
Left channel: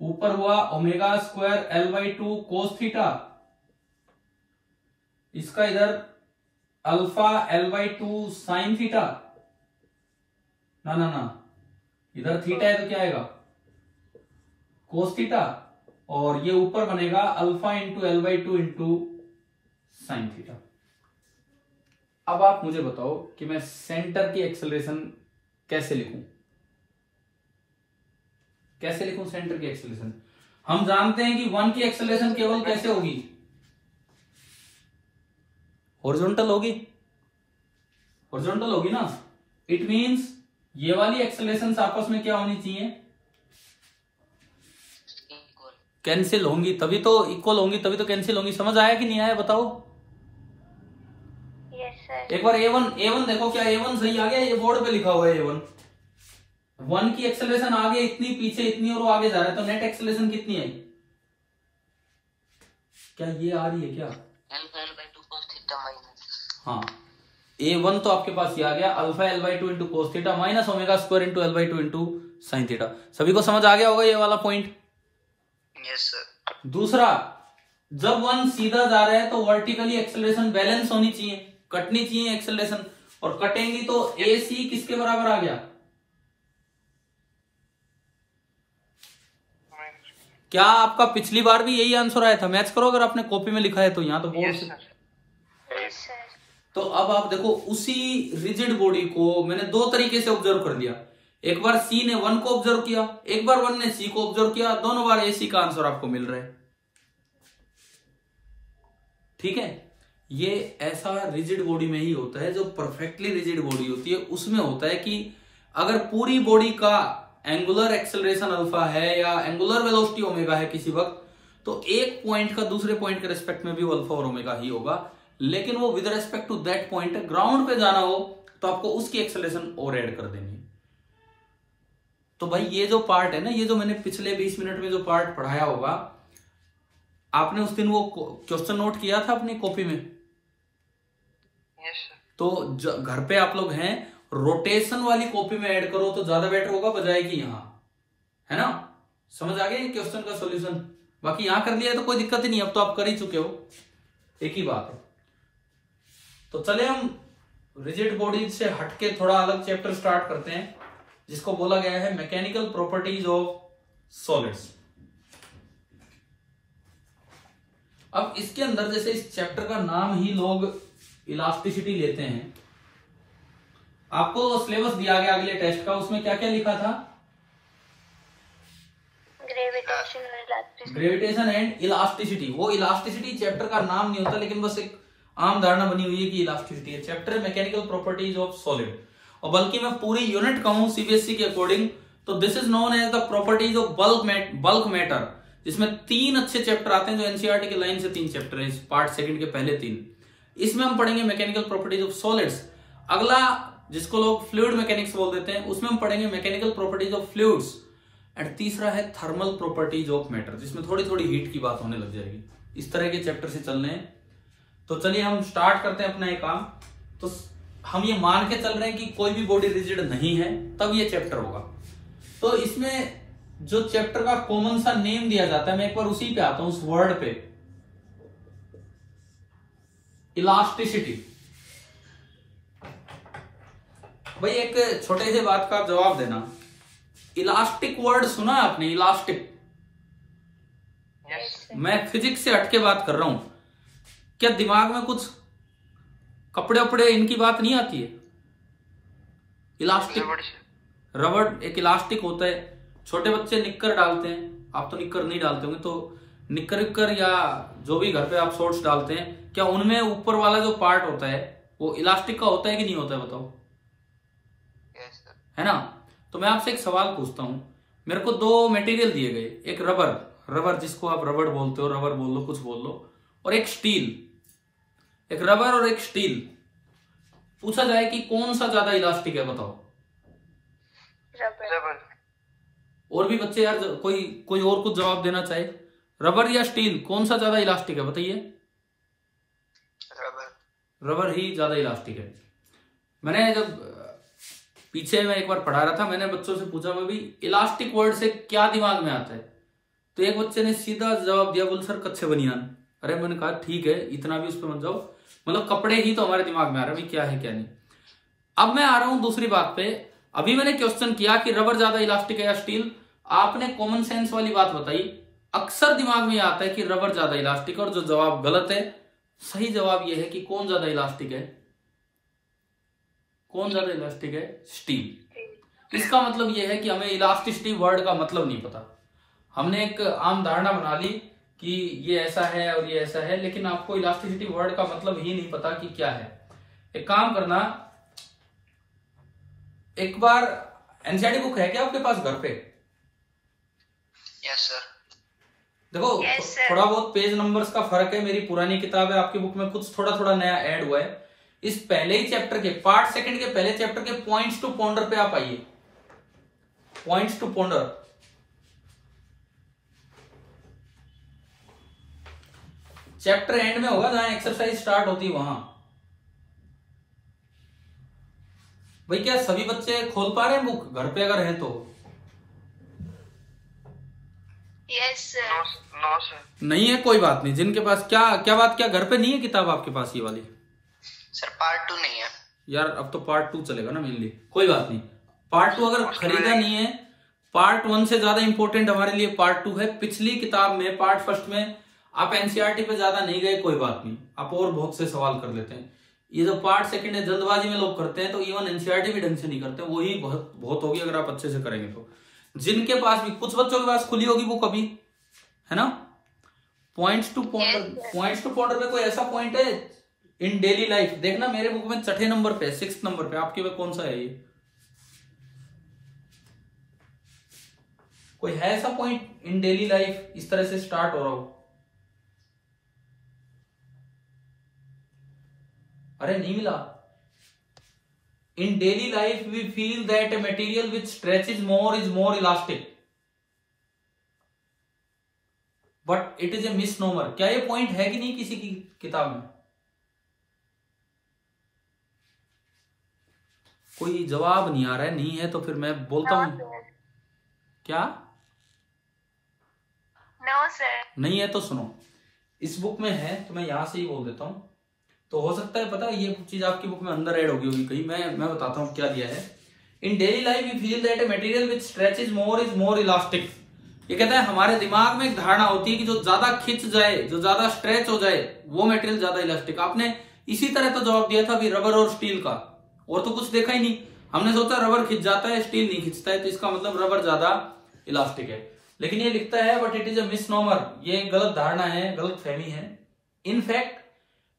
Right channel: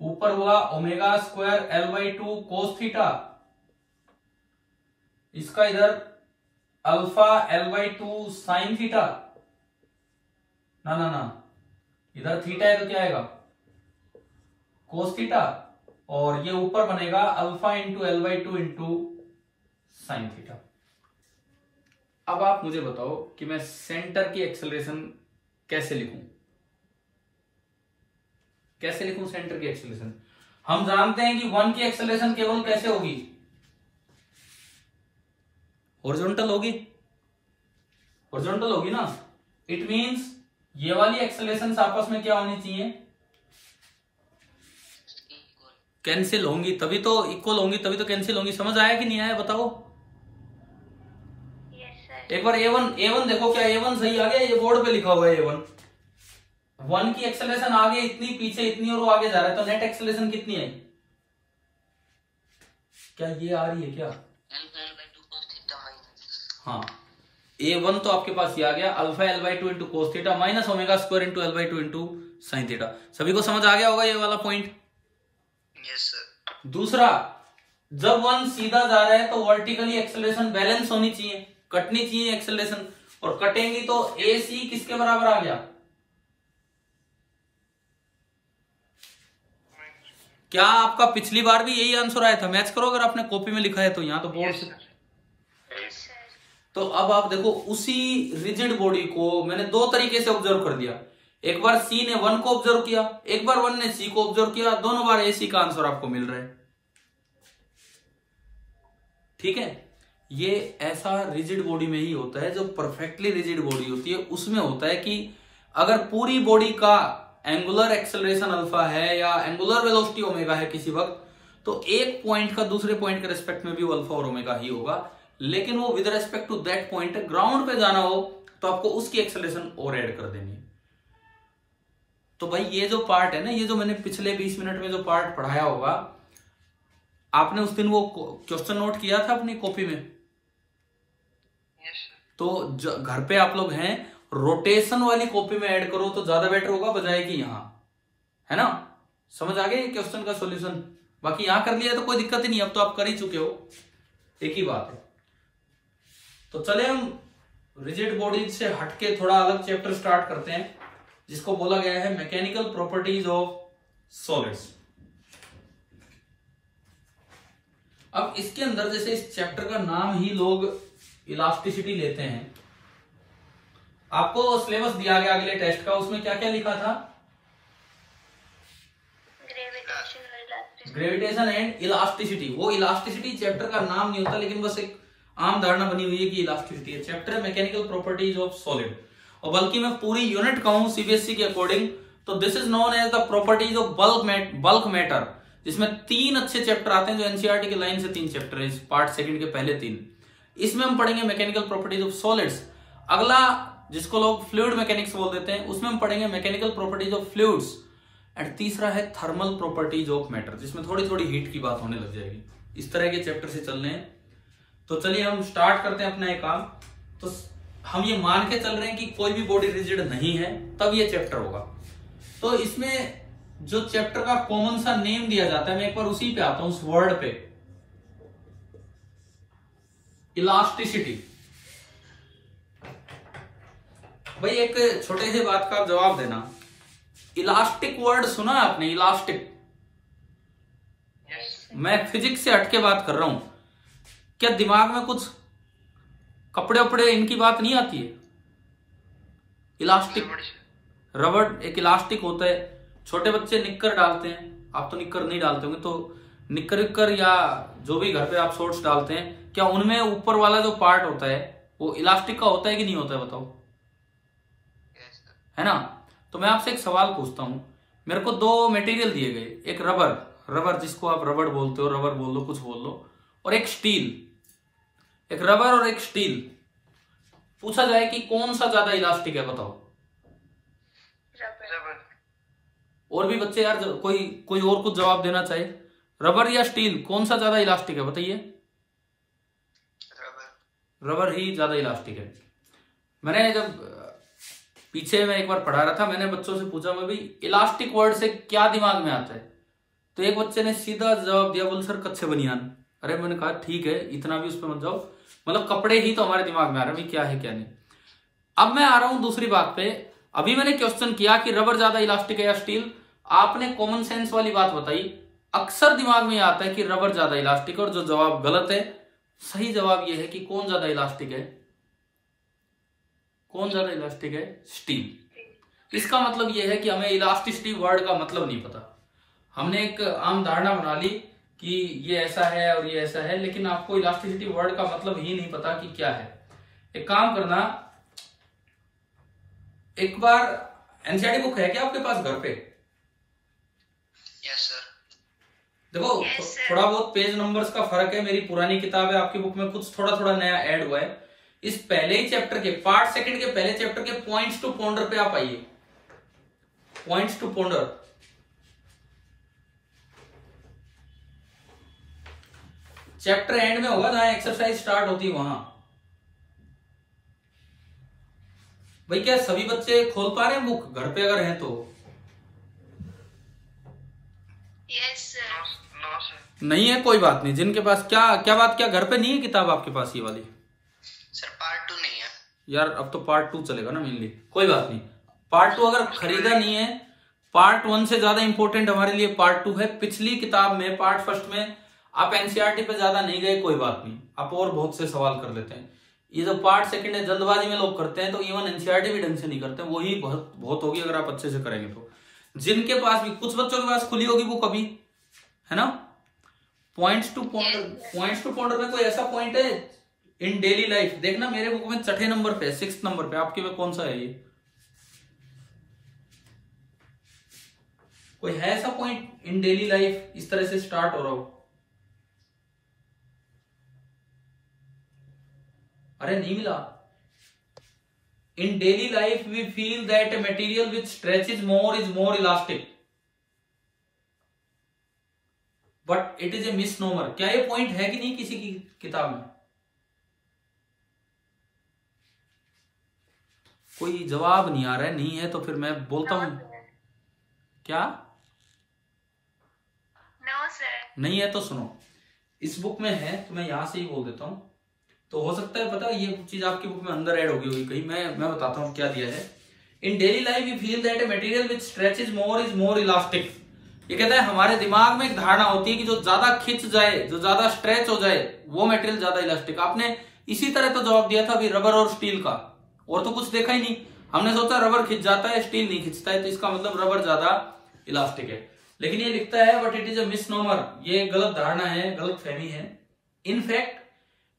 ऊपर हुआ omega square L/2 cos theta, इसका इधर अल्फा L/2 साइन थीटा, ना इधर थीटा है तो क्या आएगा, कोस थीटा, और ये ऊपर बनेगा alpha into L/2 into sine theta. अब आप मुझे बताओ कि मैं सेंटर की एक्सेलरेशन कैसे लिखूं, सेंटर की एक्सेलरेशन? हम जानते हैं कि 1 की एक्सेलरेशन केवल कैसे होगी, हॉरिजॉन्टल होगी ना। इट मींस ये वाली एक्सेलरेशन आपस में क्या होनी चाहिए, कैंसिल होंगी, तभी तो इक्वल होंगी, तभी तो कैंसिल होंगी। समझ आया कि नहीं आया, बताओ? एक बार A1 देखो, क्या A1 सही आ गया? ये बोर्ड पे लिखा हुआ है A1। 1 की एक्सेलरेशन आ गई इतनी, पीछे इतनी, और वो आगे जा रहा है, तो नेट एक्सेलरेशन कितनी आई? क्या ये आ रही है क्या? हाँ, A1 तो आपके पास ये आ गया, alpha L/2 into cos theta minus omega square into L/2 into sine theta. सभी को समझ आ गया होगा ये वाला पॉइंट? Yes sir. दूसरा, जब 1 सीधा जा रहा है तो वर्टिकली एक्सेलरेशन बैलेंस होनी चाहिए, कटनी चाहिए एक्सेलरेशन, और कटेंगी तो AC किसके बराबर आ गया? क्या आपका पिछली बार भी यही आंसर आया था? मैच करो अगर आपने कॉपी में लिखा है तो, यहाँ तो बोर्ड से। तो अब आप देखो, उसी रिजिड बॉडी को मैंने 2 तरीके से ऑब्जर्व कर दिया। एक बार सी ने 1 को ऑब्जर्व किया, एक बार 1 ने सी को ऑब्जर्व किया, दोनों बार एसी का आंसर आपको मिल रहा है। ठीक है, ये ऐसा रिजिड बॉडी में ही होता है, जो परफेक्टली रिजिड बॉडी होती है उसमें होता है कि अगर पूरी बॉडी का एंगुलर एक्सेलरेशन अल्फा है या एंगुलर वेलोसिटी ओमेगा है किसी वक्त, तो एक पॉइंट का दूसरे पॉइंट के रेस्पेक्ट में भी वो अल्फा और ओमेगा ही होगा, लेकिन वो with respect to that point ground पे जाना हो तो आपको उसकी एक्सेलरेशन और ऐड कर देनी है। तो भाई ये जो पार्ट है ना, ये जो मैंने पिछले 20 मिनट में जो पार्ट पढ़ाया होगा, आपने उस दिन वो क्वेश्चन नोट किया था अपनी कॉपी में? तो घर पे आप लोग हैं, रोटेशन वाली कॉपी में ऐड करो तो ज्यादा बेटर होगा बजाय कि यहां, है ना? समझ आ गई क्वेश्चन का सॉल्यूशन? बाकी यहां कर लिया तो कोई दिक्कत ही नहीं, अब तो आप कर ही चुके हो, एक ही बात है। तो चले हम रिजिड बॉडी से हटके थोड़ा अलग चैप्टर स्टार्ट करते हैं, जिसको बोला गया है मैकेनिकल प्रॉपर्टीज ऑफ सॉलिड्स। अब इसके अंदर जैसे इस चैप्टर का नाम ही लोग इलास्टिसिटी लेते हैं, आपको सिलेबस दिया गया अगले टेस्ट का, उसमें क्या क्या लिखा था? Gravitation and elasticity. वो इलास्टिसिटी चैप्टर का नाम नहीं होता, लेकिन बस एक आम धारणा बनी हुई है कि इलास्टिसिटी है। Chapter mechanical properties of solid, और बल्कि मैं पूरी यूनिट कहूं सीबीएसई के अकॉर्डिंग तो this is known as the properties of bulk matter, जिसमें 3 अच्छे चैप्टर आते हैं जो एनसीईआरटी के लाइन से 3 चैप्टर हैं, पार्ट सेकंड के पहले 3। इसमें हम पढ़ेंगे मैकेनिकल प्रॉपर्टीज ऑफ सॉलिड्स। अगला, जिसको लोग फ्लूइड मैकेनिक्स बोल देते हैं, उसमें हम पढ़ेंगे mechanical properties of fluids. And तीसरा है थर्मल प्रॉपर्टीज ऑफ मैटर, जिसमें थोड़ी थोड़ी हीट की बात होने लग जाएगी। इस तरह के चैप्टर से चलने हैं। तो चलिए हम स्टार्ट करते हैं अपना ये काम। तो हम ये मान के चल रहे हैं कि कोई भी बॉडी रिजिड नहीं है, तब ये चैप्टर होगा। तो इसमें जो चैप्टर का कॉमन सा नेम दिया जाता है, मैं एक बार उसी पे आता हूं, उस वर्ड पे, इलास्टिसिटी। भाई एक छोटे से बात का जवाब देना, इलास्टिक वर्ड सुना आपने? इलास्टिक। मैं फिजिक्स से हटके बात कर रहा हूं, क्या दिमाग में कुछ कपड़े वपड़े इनकी बात नहीं आती है? इलास्टिक, रबड़ एक इलास्टिक होता है। छोटे बच्चे निक्कर डालते हैं, आप तो निक्कर नहीं डालते होंगे, तो निक्कर विक्कर या जो भी घर पे आप शॉर्ट्स डालते हैं, क्या उनमें ऊपर वाला जो पार्ट होता है वो इलास्टिक का होता है कि नहीं होता है? बताओ। है ना? तो मैं आपसे एक सवाल पूछता हूं, मेरे को 2 मटेरियल दिए गए, एक रबर जिसको आप रबड़ बोलते हो, रबर बोल लो, कुछ बोल लो, और एक स्टील। एक रबर और एक स्टील। पूछा जाए कि कौन सा ज्यादा इलास्टिक है, बताओ। रबर। और भी बच्चे यार, कोई और कुछ जवाब देना चाहे, रबर या स्टील कौन सा ज्यादा इलास्टिक है बताइए? रबर ही ज्यादा इलास्टिक है। मैंने जब पीछे मैं एक बार पढ़ा रहा था, मैंने बच्चों से पूछा, मैं भी इलास्टिक वर्ड से क्या दिमाग में आता है? तो एक बच्चे ने सीधा जवाब दिया, बोल सर कच्चे बनियान। अरे मैंने कहा ठीक है, इतना भी उस पर मत जाओ, मतलब कपड़े ही तो हमारे दिमाग में आ रहा है, क्या है क्या नहीं। अब मैं आ रहा हूं दूसरी बात पे। अभी मैंने क्वेश्चन किया कि रबर ज्यादा इलास्टिक है या स्टील, आपने कॉमन सेंस वाली बात बताई। अक्सर दिमाग में आता है कि रबर ज्यादा इलास्टिक है, और जो जवाब गलत है, सही जवाब यह है कि कौन ज्यादा इलास्टिक है? कौन ज्यादा इलास्टिक है? स्टील। इसका मतलब यह है कि हमें इलास्टिसिटी वर्ड का मतलब नहीं पता। हमने एक आम धारणा बना ली कि ये ऐसा है और ये ऐसा है, लेकिन आपको इलास्टिसिटी वर्ड का मतलब ही नहीं पता कि क्या है। एक काम करना, एक बार एनसीईआरटी बुक है क्या आपके पास घर पे? Yes sir. देखो थोड़ा बहुत पेज नंबर्स का फर्क है, मेरी पुरानी किताब है, आपकी बुक में कुछ थोड़ा थोड़ा नया ऐड हुआ है। इस पहले ही चैप्टर के पार्ट सेकंड के पहले चैप्टर के पॉइंट्स टू पॉन्डर पे आप आइए। Points to ponder, chapter end में होगा, जहां एक्सरसाइज स्टार्ट होती है वहां। भाई क्या सभी बच्चे खोल पा रहे हैं बुक घर पे? अगर हैं तो यस सर। No sir. नहीं है, कोई बात नहीं। जिनके पास क्या बात, क्या घर पे नहीं है किताब आपके पास ये वाली? सर पार्ट 2 नहीं है यार, अब तो पार्ट 2 चलेगा ना मेनली। कोई बात नहीं, पार्ट 2 अगर खरीदा नहीं है, पार्ट 1 से ज्यादा इंपॉर्टेंट हमारे लिए पार्ट 2 है। पिछली किताब में पार्ट फर्स्ट में आप एनसीईआरटी पे ज्यादा नहीं गए, कोई बात नहीं, आप और बहुत से सवाल कर लेते हैं। ये जो पार्ट सेकंड है जल्दबाजी में लोग करते हैं, तो इवन एनसीईआरटी भी ढंग से नहीं करते, वही बहुत बहुत होगी अगर आप अच्छे से करेंगे तो। जिनके पास भी, कुछ बच्चों के पास खुली होगी बुक अभी, है ना, पॉइंट्स टू पॉइंटर में कोई ऐसा पॉइंट है इन डेली लाइफ, देखना मेरे बुक में 6 नंबर पे, 6 नंबर पे, आपके में कौन सा है ये, कोई है ऐसा पॉइंट इन डेली लाइफ इस तरह से स्टार्ट हो रहा हो? अरे नहीं मिला। In daily life we feel that a material which stretches more is more elastic but it is a misnomer. क्या ये पॉइंट है कि नहीं किसी की किताब में? कोई जवाब नहीं आ रहा है, नहीं है तो फिर मैं बोलता हूं। क्या नो सर, नहीं है तो सुनो, इस बुक में है तो मैं यहां से ही बोल देता हूं, तो हो सकता है पता ये चीज आपकी बुक में अंदर ऐड होगी कहीं, मैं बताता हूं क्या दिया है। In daily life we feel that a material which stretches more is more elastic. ये कहता है हमारे दिमाग में एक धारणा होती है कि जो ज्यादा खिंच जाए, जो ज्यादा स्ट्रेच हो जाए, वो मटेरियल ज्यादा इलास्टिक। आपने इसी तरह तो जवाब दिया था अभी रबर और स्टील का, और तो कुछ देखा ही नहीं। हमने सोचा रबर खिंच जाता है, स्टील नहीं खिंचता है, तो इसका मतलब रबर ज्यादा इलास्टिक है। लेकिन ये लिखता है but it is a misnomer, ये गलत धारणा है, गलत फहमी है। In fact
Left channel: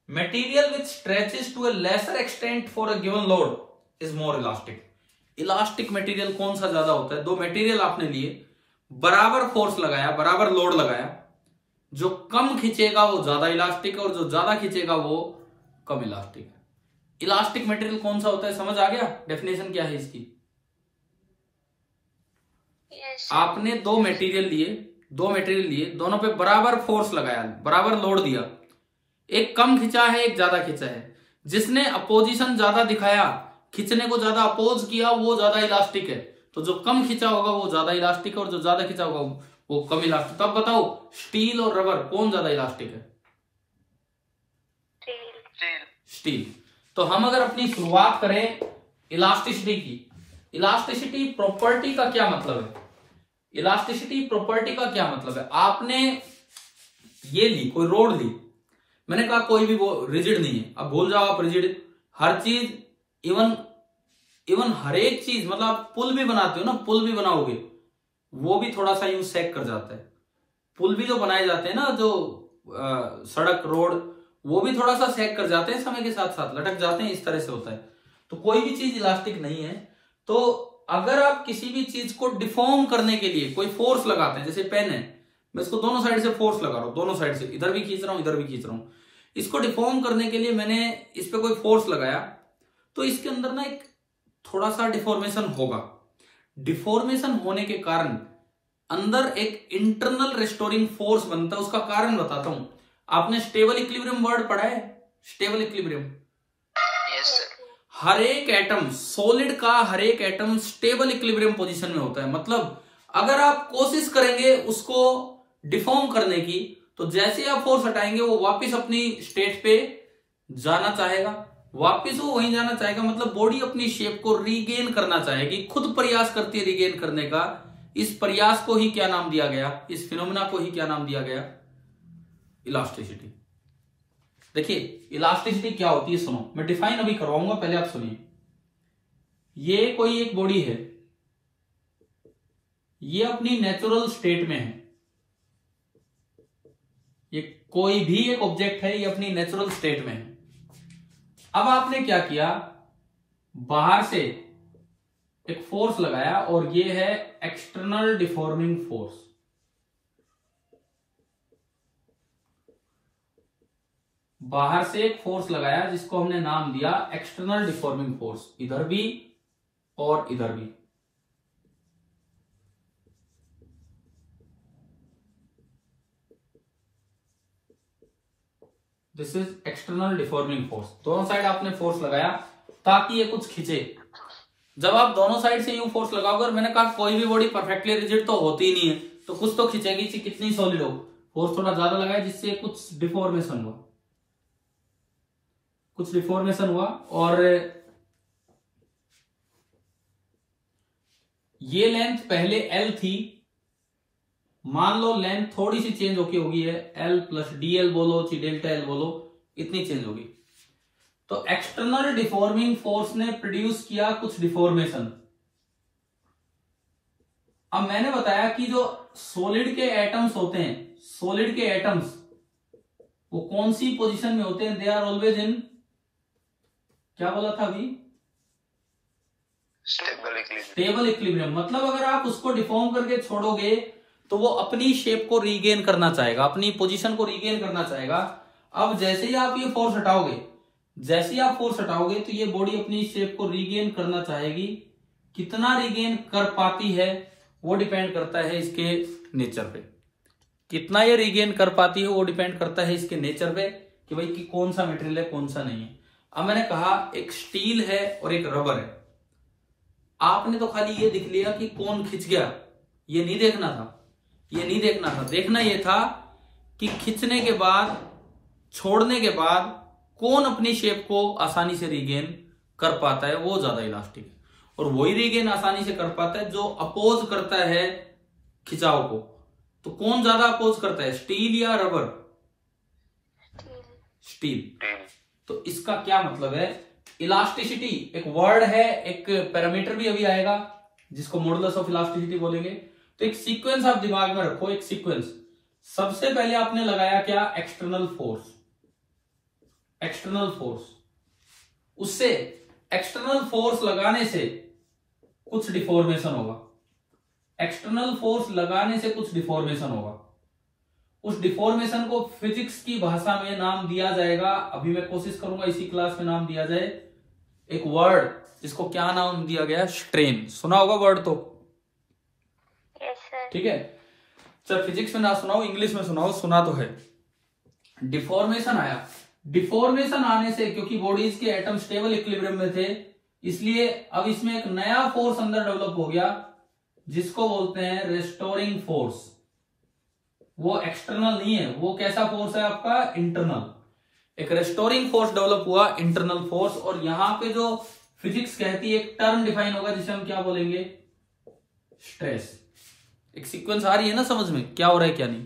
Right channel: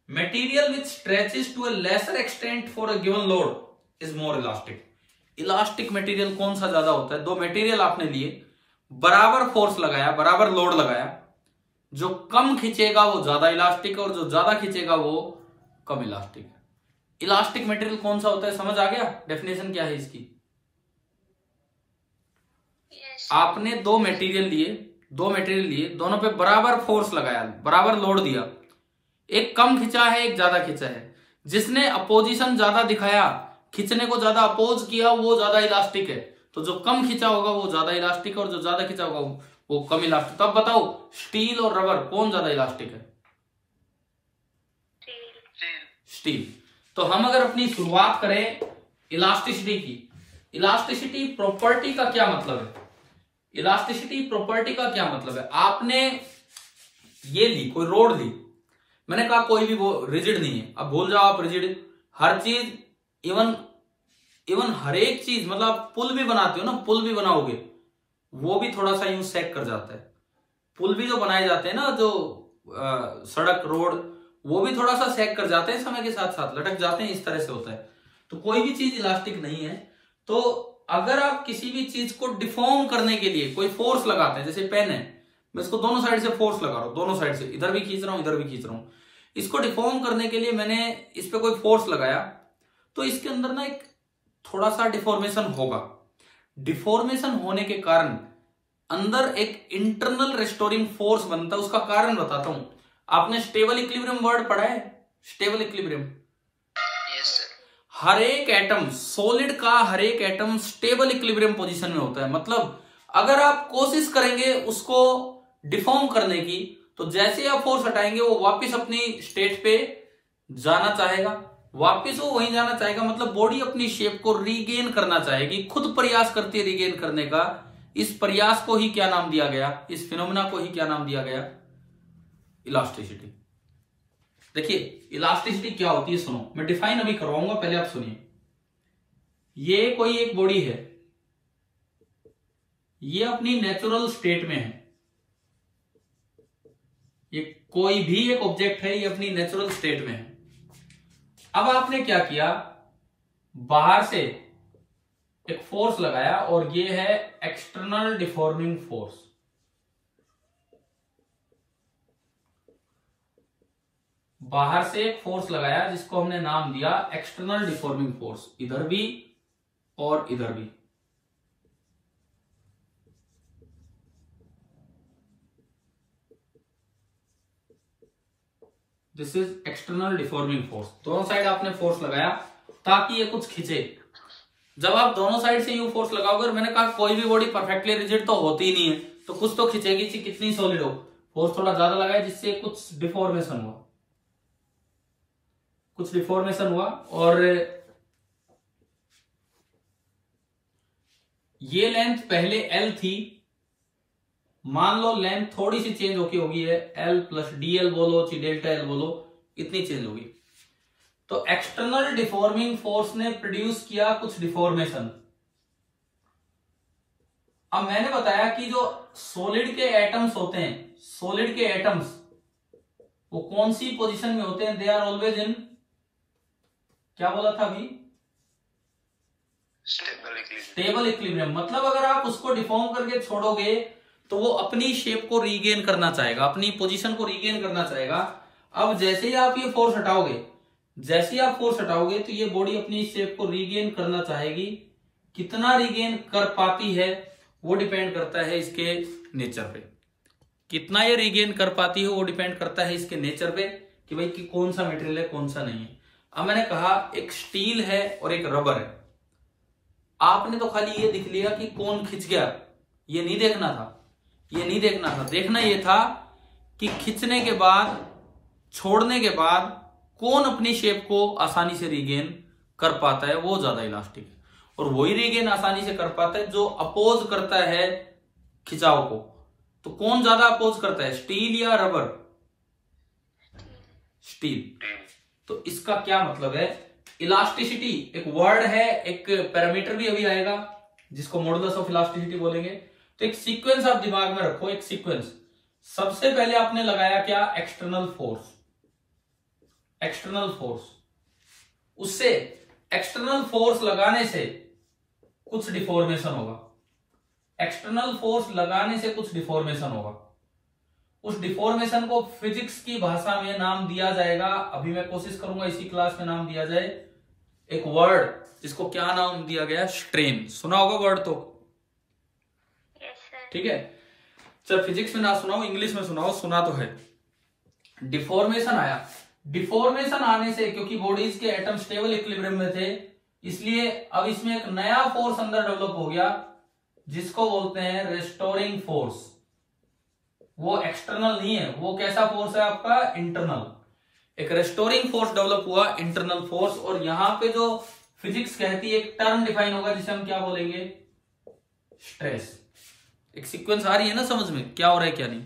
material which stretches to a lesser extent for a given load is more elastic. Elastic material कौन सा ज्यादा होता है? दो मटेरियल आपने लिए, बराबर फोर्स लगाया, बराबर लोड लगाया, जो कम खींचेगा वो ज्यादा इलास्टिक है और जो ज्यादा खींचेगा वो कम इलास्टिक है। इलास्टिक मटेरियल कौन सा होता है, समझ आ गया? डेफिनेशन क्या है इसकी? आपने दो मटेरियल लिए, दोनों पे बराबर फोर्स लगाया, बराबर लोड दिया, एक कम खिंचा है, एक ज्यादा खिंचा है। जिसने अपोजिशन ज्यादा दिखाया, खिंचने को ज्यादा अपोज किया, वो ज्यादा इलास्टिक है। तो जो कम खिंचा होगा वो ज्यादा इलास्टिक है और जो ज्यादा खिंचा होगा वो कम इलास्टिक। तब बताओ स्टील और रबर कौन ज्यादा इलास्टिक है? स्टील। तो हम अगर अपनी शुरुआत करें इलास्टिसिटी की, इलास्टिसिटी प्रॉपर्टी का क्या मतलब है? इलास्टिसिटी प्रॉपर्टी का क्या मतलब है? आपने ये ली, कोई रोड ली, मैंने कहा कोई भी वो रिजिड नहीं है, अब भूल जाओ आप रिजिड, हर चीज इवन हर एक चीज, मतलब आप पुल भी बनाते हो ना, पुल भी बनाओगे वो भी थोड़ा सा यूं सैग कर जाता है। पुल भी जो बनाए जाते हैं ना, जो सड़क रोड, वो भी थोड़ा सा सैग कर जाते हैं, समय के साथ साथ लटक जाते हैं, इस तरह से होता है। तो कोई भी चीज इलास्टिक नहीं है। तो अगर आप किसी भी चीज को डिफॉर्म करने के लिए कोई फोर्स लगाते हैं, जैसे पेन है, मैं इसको दोनों साइड से फोर्स लगा रहा हूं, दोनों साइड से, इधर भी खींच रहा हूं, इधर भी खींच रहा हूं, इसको डिफॉर्म करने के लिए मैंने इस पे कोई फोर्स लगाया, तो इसके अंदर ना एक थोड़ा सा डिफॉर्मेशन होगा। डिफॉर्मेशन होने के कारण अंदर एक इंटरनल रेस्टोरिंग फोर्स बनता है। उसका कारण बताता हूं। आपने स्टेबल इक्विलिब्रियम वर्ड पढ़ा है? स्टेबल इक्विलिब्रियम, हर एक एटम, सॉलिड का हर एक एटम स्टेबल इक्विलिब्रियम पोजीशन में होता है। मतलब अगर आप कोशिश करेंगे उसको डिफॉर्म करने की, तो जैसे आप फोर्स हटाएंगे वो वापस अपनी स्टेट पे जाना चाहेगा, वापस वो वहीं जाना चाहेगा। मतलब बॉडी अपनी शेप को रीगेन करना चाहेगी, खुद प्रयास करती है रीगेन करने का। इस प्रयास को ही क्या नाम दिया गया? इस फिनोमेना को ही क्या नाम दिया गया? इलास्टिसिटी। देखिए इलास्टिसिटी क्या होती है, सुनो, मैं डिफाइन अभी करवाऊंगा, पहले आप सुनिए। ये कोई एक बॉडी है, ये अपनी नेचुरल स्टेट में है, ये कोई भी एक ऑब्जेक्ट है, ये अपनी नेचुरल स्टेट में है। अब आपने क्या किया, बाहर से एक फोर्स लगाया और ये है एक्सटर्नल डिफॉर्मिंग फोर्स। बाहर से एक फोर्स लगाया जिसको हमने नाम दिया एक्सटर्नल डिफॉर्मिंग फोर्स, इधर भी और इधर भी। This is external deforming force. दोनों साइड आपने फोर्स लगाया ताकि ये कुछ खींचे। जब आप दोनों साइड से यू फोर्स लगाओगे, और मैंने कहा कोई भी बॉडी परफेक्टली रिजिड तो होती ही नहीं है, तो कुछ तो खींचेगी, कितनी सॉलिड हो। फोर्स थोड़ा ज्यादा लगाया जिससे कुछ डिफॉर्मेशन हुआ, कुछ डिफॉर्मेशन हुआ, और ये लेंथ पहले L थी, मान लो लेंथ थोड़ी सी चेंज होगी है L प्लस DL बोलो, ची डेल्टा L बोलो, इतनी चेंज होगी। तो एक्सटर्नल डिफॉर्मिंग फोर्स ने प्रोड्यूस किया कुछ डिफॉर्मेशन। अब मैंने बताया कि जो सॉलिड के एटम्स होते हैं, सॉलिड के एटम्स वो कौन सी पोजीशन में होते हैं? दे आर ऑलवेज इन, क्या बोला था अभी? Stable equilibrium. मतलब अगर आप उसको डिफॉर्म करके छोड़ोगे तो वो अपनी शेप को रीगेन करना चाहेगा, अपनी पोजीशन को रीगेन करना चाहेगा। अब जैसे ही आप ये फोर्स हटाओगे, जैसे ही आप फोर्स हटाओगे तो ये बॉडी अपनी शेप को रीगेन करना चाहेगी। कितना रीगेन कर पाती है वो डिपेंड करता है इसके नेचर पे। कितना ये रीगेन कर पाती है वो डिपेंड करता है इसके नेचर पे कि भाई कि कौन सा मटेरियल है कौन सा नहीं है। अब मैंने कहा एक स्टील है और एक रबर है। आपने तो खाली ये दिख लिया कि कौन खिंच गया, ये नहीं देखना था, ये नहीं देखना था। देखना ये था कि खिंचने के बाद, छोड़ने के बाद कौन अपनी शेप को आसानी से रीगेन कर पाता है, वो ज्यादा इलास्टिक है। और वही रीगेन आसानी से कर पाता है जो अपोज करता है खिंचाव को। तो कौन ज्यादा अपोज करता है, स्टील या रबर? स्टील। तो इसका क्या मतलब है? इलास्टिसिटी एक वर्ड है, एक पैरामीटर भी अभी आएगा जिसको मॉडुलस ऑफ इलास्टिसिटी बोलेंगे। तो एक सीक्वेंस आप दिमाग में रखो, एक सीक्वेंस। सबसे पहले आपने लगाया क्या? External force. एक्सटर्नल फोर्स, उससे एक्सटर्नल फोर्स लगाने से कुछ डिफॉर्मेशन होगा। एक्सटर्नल फोर्स लगाने से कुछ डिफॉर्मेशन होगा। उस डिफॉर्मेशन को फिजिक्स की भाषा में नाम दिया जाएगा, अभी मैं कोशिश करूंगा इसी क्लास में नाम दिया जाए, एक वर्ड जिसको क्या नाम दिया गया? स्ट्रेन। सुना होगा वर्ड तो? ठीक है, चल फिजिक्स में ना सुनाओ, इंग्लिश में सुनाओ, सुना तो है। डिफॉर्मेशन आया। डिफॉर्मेशन आने से, क्योंकि बॉडीज के एटम स्टेबल इक्विलिब्रियम में थे, इसलिए अब इसमें एक नया फोर्स अंदर डेवलप हो गया जिसको बोलते हैं रेस्टोरिंग फोर्स। वो एक्सटर्नल नहीं है, वो कैसा फोर्स है आपका? इंटरनल। एक रेस्टोरिंग फोर्स डेवलप हुआ, इंटरनल फोर्स। और यहां पे जो फिजिक्स कहती है, एक टर्म डिफाइन होगा जिसे हम क्या बोलेंगे? स्ट्रेस। एक सीक्वेंस आ रही है ना समझ में, क्या हो रहा है क्या नहीं?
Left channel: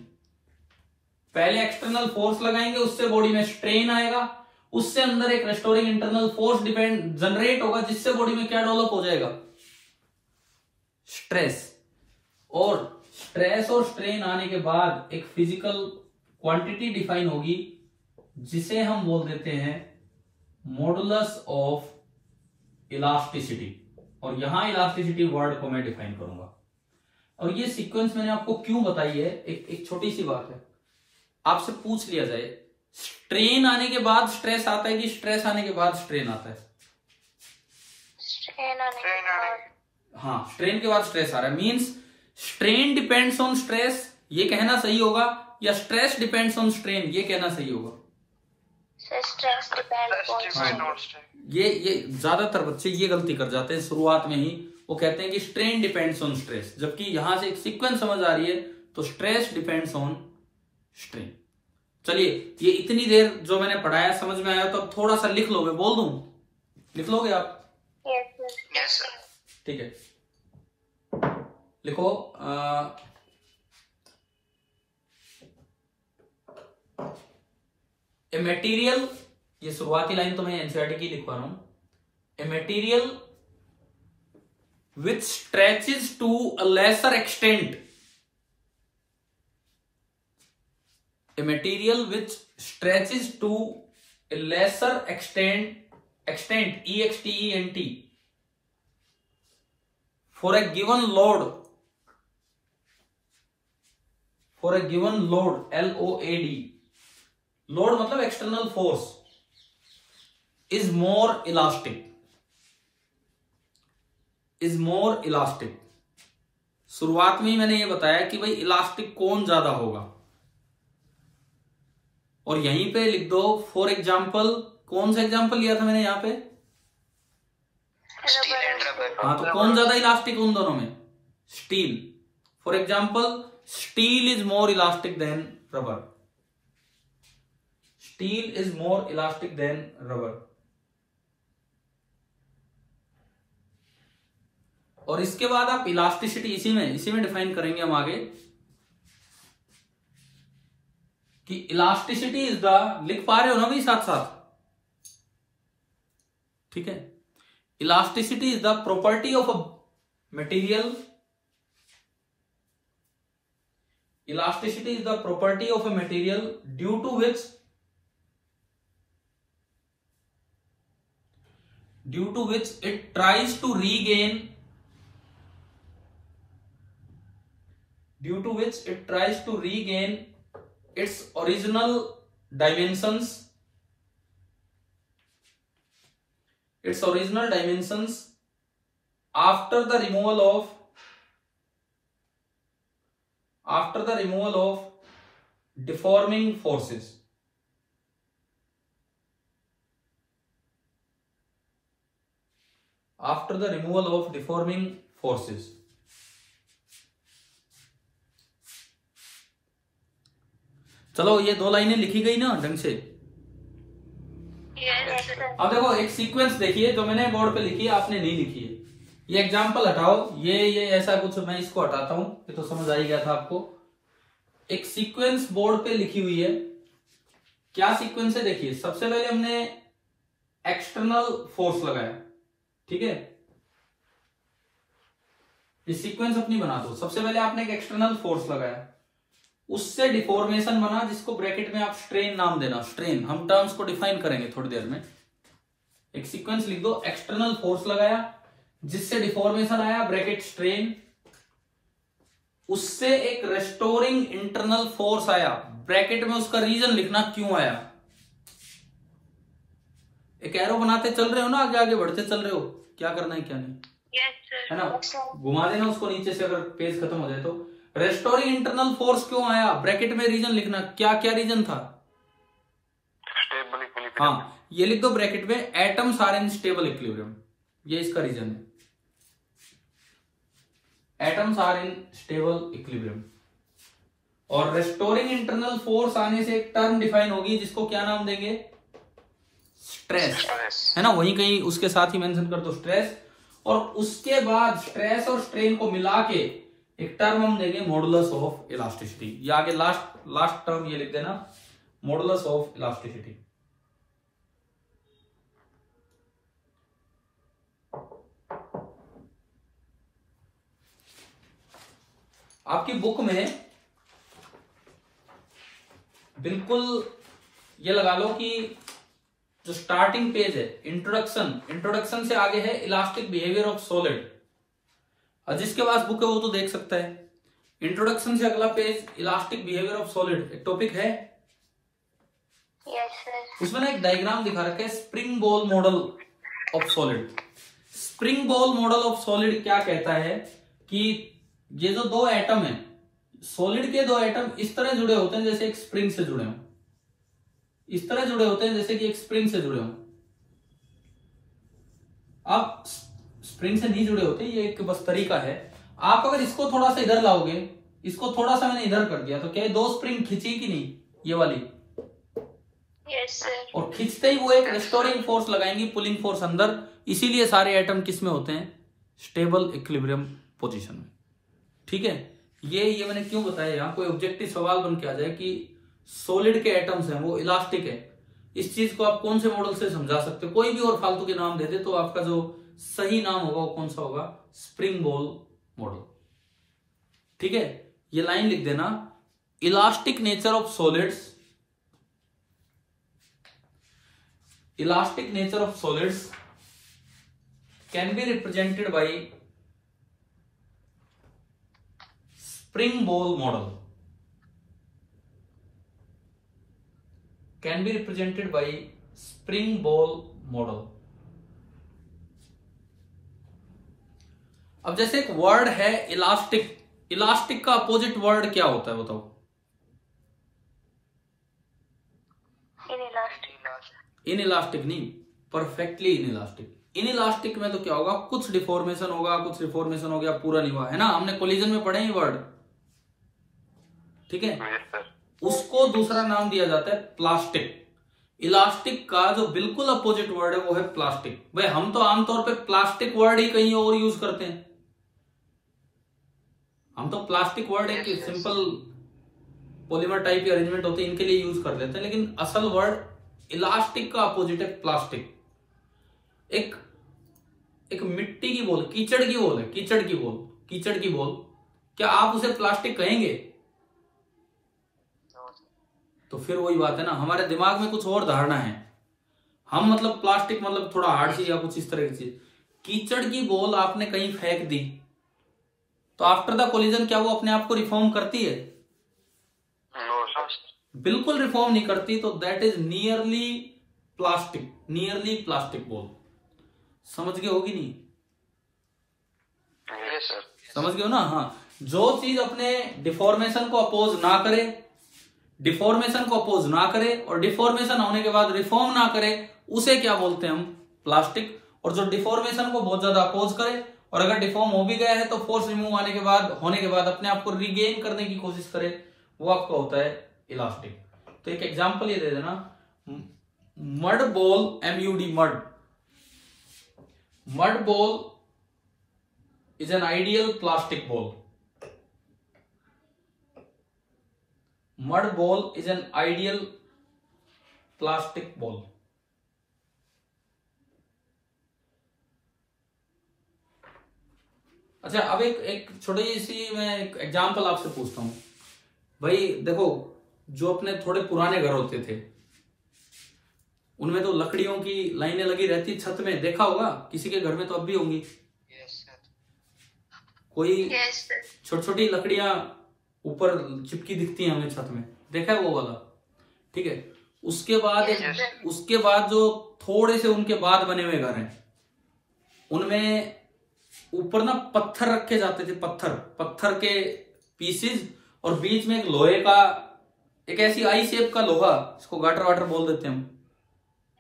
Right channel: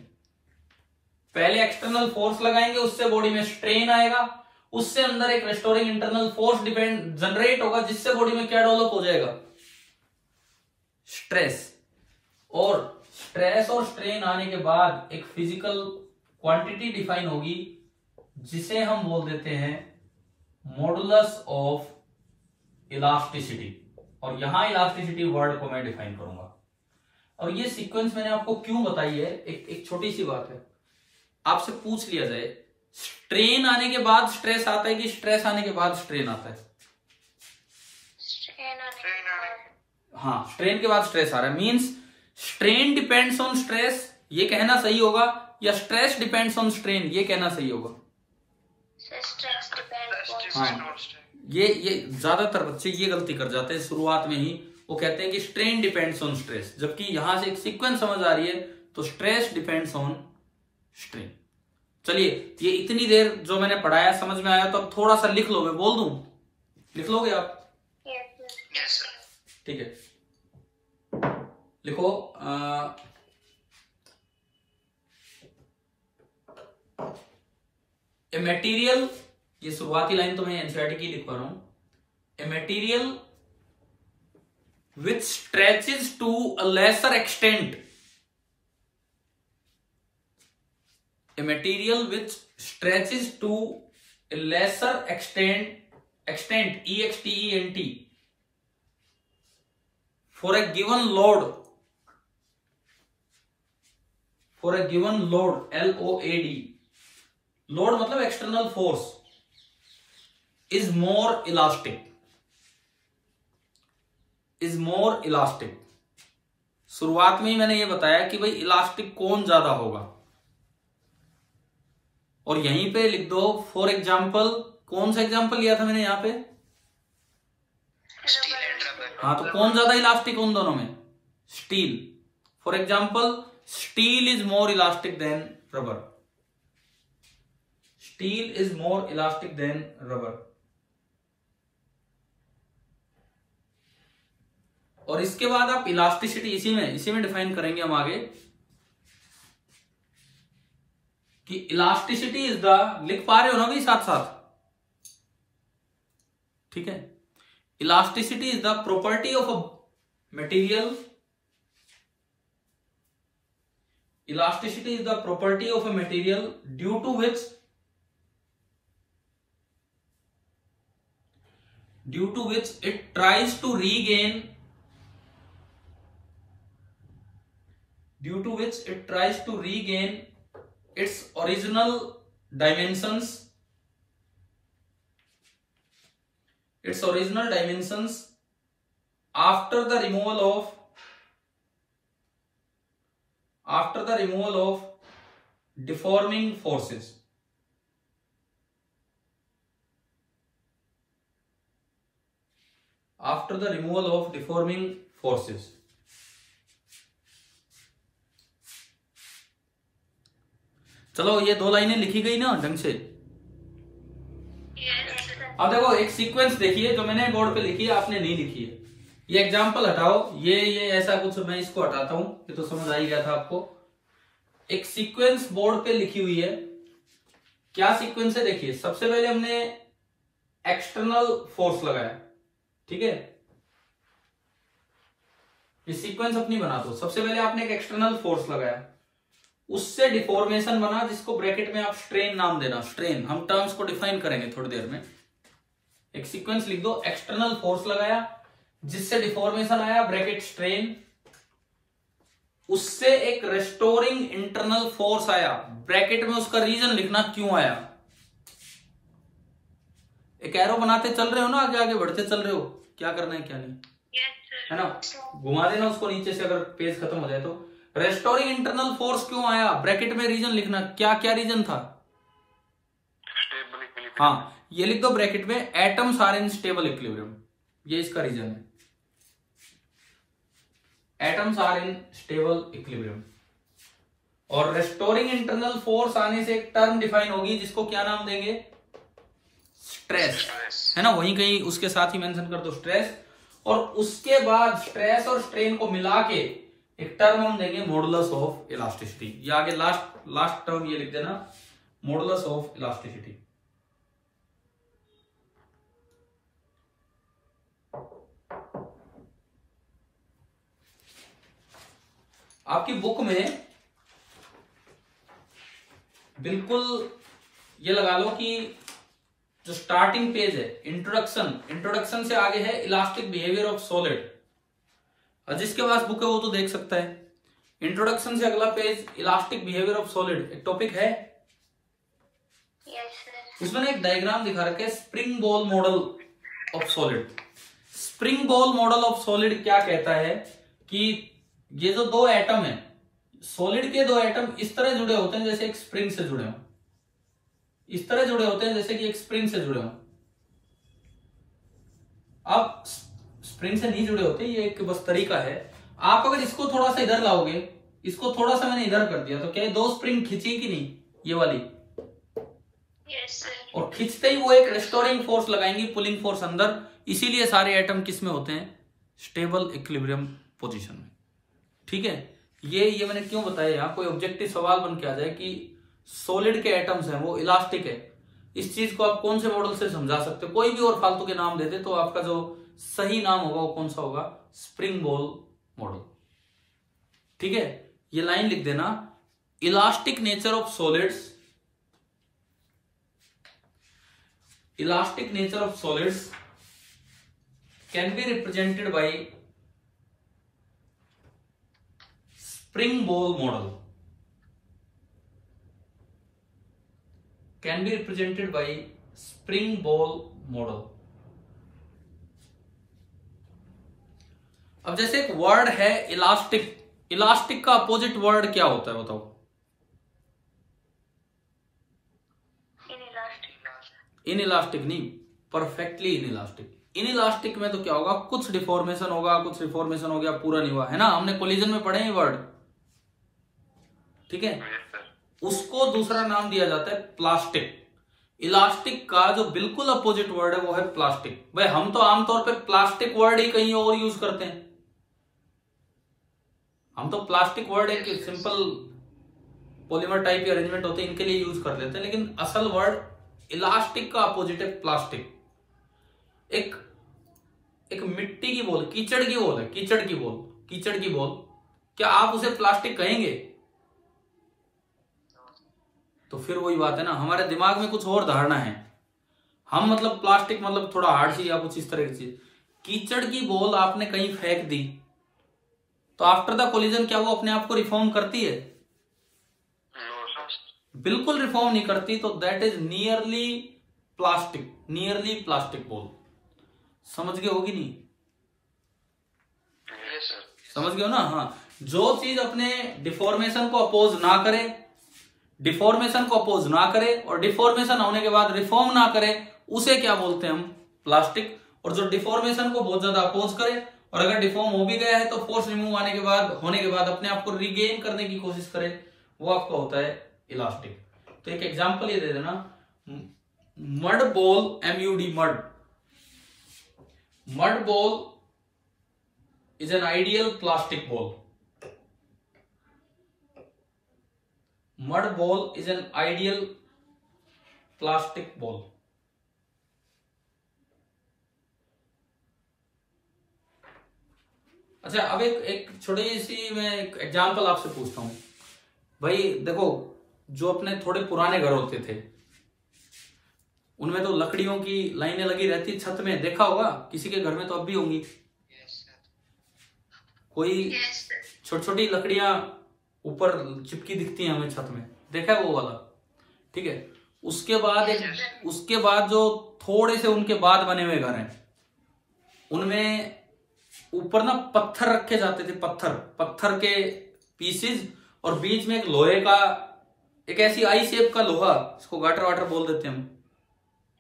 पहले एक्सटर्नल फोर्स लगाएंगे, उससे बॉडी में स्ट्रेन आएगा, उससे अंदर एक restoring internal force depend generate होगा जिससे बॉडी में क्या डेवलप हो जाएगा? स्ट्रेस। और स्ट्रेस और स्ट्रेन आने के बाद एक फिजिकल क्वांटिटी डिफाइन होगी जिसे हम बोल देते हैं मॉडुलस ऑफ इलास्टिसिटी। और यहां इलास्टिसिटी वर्ड को मैं डिफाइन करूंगा। और ये सीक्वेंस मैंने आपको क्यों बताई है, एक छोटी सी बात है। आपसे पूछ लिया जाए स्ट्रेन आने के बाद स्ट्रेस आता है कि स्ट्रेस आने के बाद स्ट्रेन आता है? हाँ, स्ट्रेन के बाद स्ट्रेस आ रहा है। Means strain depends on stress, ये कहना सही होगा, या स्ट्रेस डिपेंड्स ऑन स्ट्रेन, ये कहना सही होगा? हाँ, ये ज्यादातर बच्चे ये गलती कर जाते हैं शुरुआत में ही। वो कहते हैं कि स्ट्रेन डिपेंड्स ऑन स्ट्रेस, जबकि यहां से एक सीक्वेंस समझ आ रही है तो स्ट्रेस डिपेंड्स ऑन स्ट्रेन। चलिए, ये इतनी देर जो मैंने पढ़ाया समझ में आया तो अब थोड़ा सा लिख लोगे? बोल दूं, लिख लोगे आप? Yes sir. ठीक है, लिखो। ए मटेरियल, ये शुरुआती लाइन तो मैं एनसीईआरटी की लिखवा रहा हूं। A material which stretches to a lesser extent, a material which stretches to a lesser extent extent for a given load LOAD, load मतलब external force, is more elastic। शुरुआत में ही मैंने ये बताया कि भाई इलास्टिक कौन ज्यादा होगा, और यहीं पे लिख दो फॉर एग्जाम्पल। कौन सा एग्जाम्पल लिया था मैंने यहाँ पे? हाँ, तो कौन ज्यादा इलास्टिक उन दोनों में? Steel. For example, steel is more elastic than rubber. Steel is more elastic than rubber. और इसके बाद आप इलास्टिसिटी इसी में डिफाइन करेंगे हम आगे कि इलास्टिसिटी इज द, लिख पा रहे हो ना भाई साथ साथ? ठीक है। Elasticity is the property of a material, elasticity is the property of a material due to which it tries to regain, its original dimensions, after the removal of deforming forces. After the removal of deforming forces. चलो ये 2 लाइनें लिखी गई ना ढंग से। अब देखो एक सीक्वेंस देखिए जो मैंने बोर्ड पे लिखी है, आपने नहीं लिखी है। ये एग्जाम्पल हटाओ, ये ऐसा कुछ, मैं इसको हटाता हूं, ये तो समझ आ ही गया था आपको। एक सीक्वेंस बोर्ड पे लिखी हुई है, क्या सीक्वेंस है देखिए। सबसे पहले हमने एक्सटर्नल फोर्स लगाया, ठीक है। ये सीक्वेंस अपनी बना दो। सबसे पहले आपने एक एक्सटर्नल फोर्स लगाया, उससे डिफॉर्मेशन बना, जिसको ब्रैकेट में आप स्ट्रेन नाम देना। स्ट्रेन हम टर्म्स को डिफाइन करेंगे थोड़ी देर में। एक सीक्वेंस लिख दो, एक्सटर्नल फोर्स लगाया जिससे डिफॉर्मेशन आया, ब्रैकेट स्ट्रेन। उससे एक रेस्टोरिंग इंटरनल फोर्स आया, ब्रैकेट में उसका रीजन लिखना क्यों आया। एक एरो बनाते चल रहे हो ना, आगे आगे बढ़ते चल रहे हो, क्या करना है क्या नहीं, है ना। घुमा देना उसको नीचे से अगर पेज खत्म हो जाए तो। रेस्टोरिंग इंटरनल फोर्स क्यों आया, ब्रैकेट में रीजन लिखना, क्या क्या रीजन था। हाँ, ये लिख दो ब्रैकेट में, atoms are in stable equilibrium, ये इसका रीजन है। Atoms are in stable equilibrium. और रेस्टोरिंग इंटरनल फोर्स आने से एक टर्म डिफाइन होगी, जिसको क्या नाम देंगे, स्ट्रेस, है ना। वहीं कहीं उसके साथ ही मेंशन कर दो स्ट्रेस। और उसके बाद स्ट्रेस और स्ट्रेन को मिला के एक टर्म हम देंगे मॉडुलस ऑफ इलास्टिसिटी। ये आगे लास्ट टर्म ये लिख देना, मॉडुलस ऑफ इलास्टिसिटी। आपकी बुक में बिल्कुल ये लगा लो कि जो स्टार्टिंग पेज है इंट्रोडक्शन से आगे है इलास्टिक बिहेवियर ऑफ सॉलिड। और जिसके पास बुक है वो तो देख सकता है। इंट्रोडक्शन से अगला page elastic behaviour of solid, एक टॉपिक है। उसमें ना एक डायग्राम दिखा रखा है, spring ball model of solid. Spring ball model of solid क्या कहता है कि ये जो 2 एटम है, सॉलिड के 2 एटम इस तरह जुड़े होते हैं जैसे एक स्प्रिंग से जुड़े हों, इस तरह जुड़े होते हैं जैसे कि एक स्प्रिंग से जुड़े हों। अब स्प्रिंग से नहीं जुड़े होते, ये एक बस तरीका है। आप अगर इसको थोड़ा सा इधर लाओगे, इसको थोड़ा सा मैंने इधर कर दिया, तो क्या 2 स्प्रिंग खींची कि नहीं, ये वाली। Yes sir. और खींचते ही वो एक रेस्टोरिंग फोर्स लगाएंगी, पुलिंग फोर्स अंदर। इसीलिए सारे एटम किस में होते हैं, स्टेबल इक्विलिब्रियम पोजीशन में, ठीक है। ये मैंने क्यों बताया, यहाँ कोई ऑब्जेक्टिव सवाल बन के आ जाए कि सॉलिड के एटम्स हैं वो इलास्टिक है, इस चीज को आप कौन से मॉडल से समझा सकते हो। कोई भी और फालतू के नाम दे दे तो आपका जो सही नाम होगा वो कौन सा होगा, स्प्रिंग बॉल मॉडल, ठीक है। ये लाइन लिख देना, elastic nature of solids, elastic nature of solids can be represented by spring ball model, can be represented by spring ball model। अब जैसे एक वर्ड है इलास्टिक, इलास्टिक का अपोजिट वर्ड क्या होता है बताओ। इनइलास्टिक नहीं, परफेक्टली इनइलास्टिक। इनइलास्टिक में तो क्या होगा, कुछ डिफॉर्मेशन होगा, कुछ रिफॉर्मेशन हो गया, पूरा नहीं हुआ, है ना। हमने कोलिजन में पढ़े ये वर्ड, ठीक है। उसको दूसरा नाम दिया जाता है प्लास्टिक। इलास्टिक का जो बिल्कुल अपोजिट वर्ड है वो है प्लास्टिक। भाई हम तो आमतौर पे प्लास्टिक वर्ड ही कहीं और यूज करते हैं। हम तो प्लास्टिक वर्ड एक सिंपल पॉलीमर टाइप के अरेंजमेंट होते हैं, इनके लिए यूज कर लेते हैं, लेकिन असल वर्ड इलास्टिक का अपोजिट है प्लास्टिक। एक एक मिट्टी की बॉल, कीचड़ की बॉल है, कीचड़ की बॉल, क्या आप उसे प्लास्टिक कहेंगे? तो फिर वही बात है ना, हमारे दिमाग में कुछ और धारणा है। हम मतलब प्लास्टिक मतलब थोड़ा हार्ड चीज या कुछ इस तरह की चीज। कीचड़ की बॉल आपने कहीं फेंक दी तो आफ्टर द कोलिजन क्या वो अपने आप को रिफॉर्म करती है? बिल्कुल रिफॉर्म नहीं करती। तो that is nearly plastic ball. समझ गए हो कि नहीं? समझ गए हो ना? हाँ, जो चीज अपने डिफॉर्मेशन को अपोज ना करे और डिफॉर्मेशन होने के बाद रिफॉर्म ना करे, उसे क्या बोलते हैं हम? प्लास्टिक। और जो डिफॉर्मेशन को बहुत ज्यादा अपोज करे और अगर डिफॉर्म हो भी गया है तो फोर्स रिमूव होने के बाद अपने आप को रिगेन करने की कोशिश करे, वो आपका होता है इलास्टिक। तो एक एग्जांपल ये दे देना, mud ball, MUD, mud ball is an ideal plastic ball. Mud ball is an ideal plastic ball. अच्छा, अब एक छोटी सी मैं एक एग्जांपल आपसे पूछता हूं भाई। देखो, जो अपने थोड़े पुराने घर होते थे उनमें तो लकड़ियों की लाइनें लगी रहती छत में, देखा होगा किसी के घर में तो अब भी होंगी। कोई छोटी छोटी लकड़ियां ऊपर चिपकी दिखती है हमें छत में, देखा है वो वाला? ठीक है। उसके बाद जो थोड़े से उनके बाद बने हुए घर हैं उनमें ऊपर ना पत्थर रखे जाते थे, पत्थर के पीसेस, और बीच में एक लोहे का, एक ऐसी आई शेप का लोहा, इसको गाटर वाटर बोल देते हैं हम,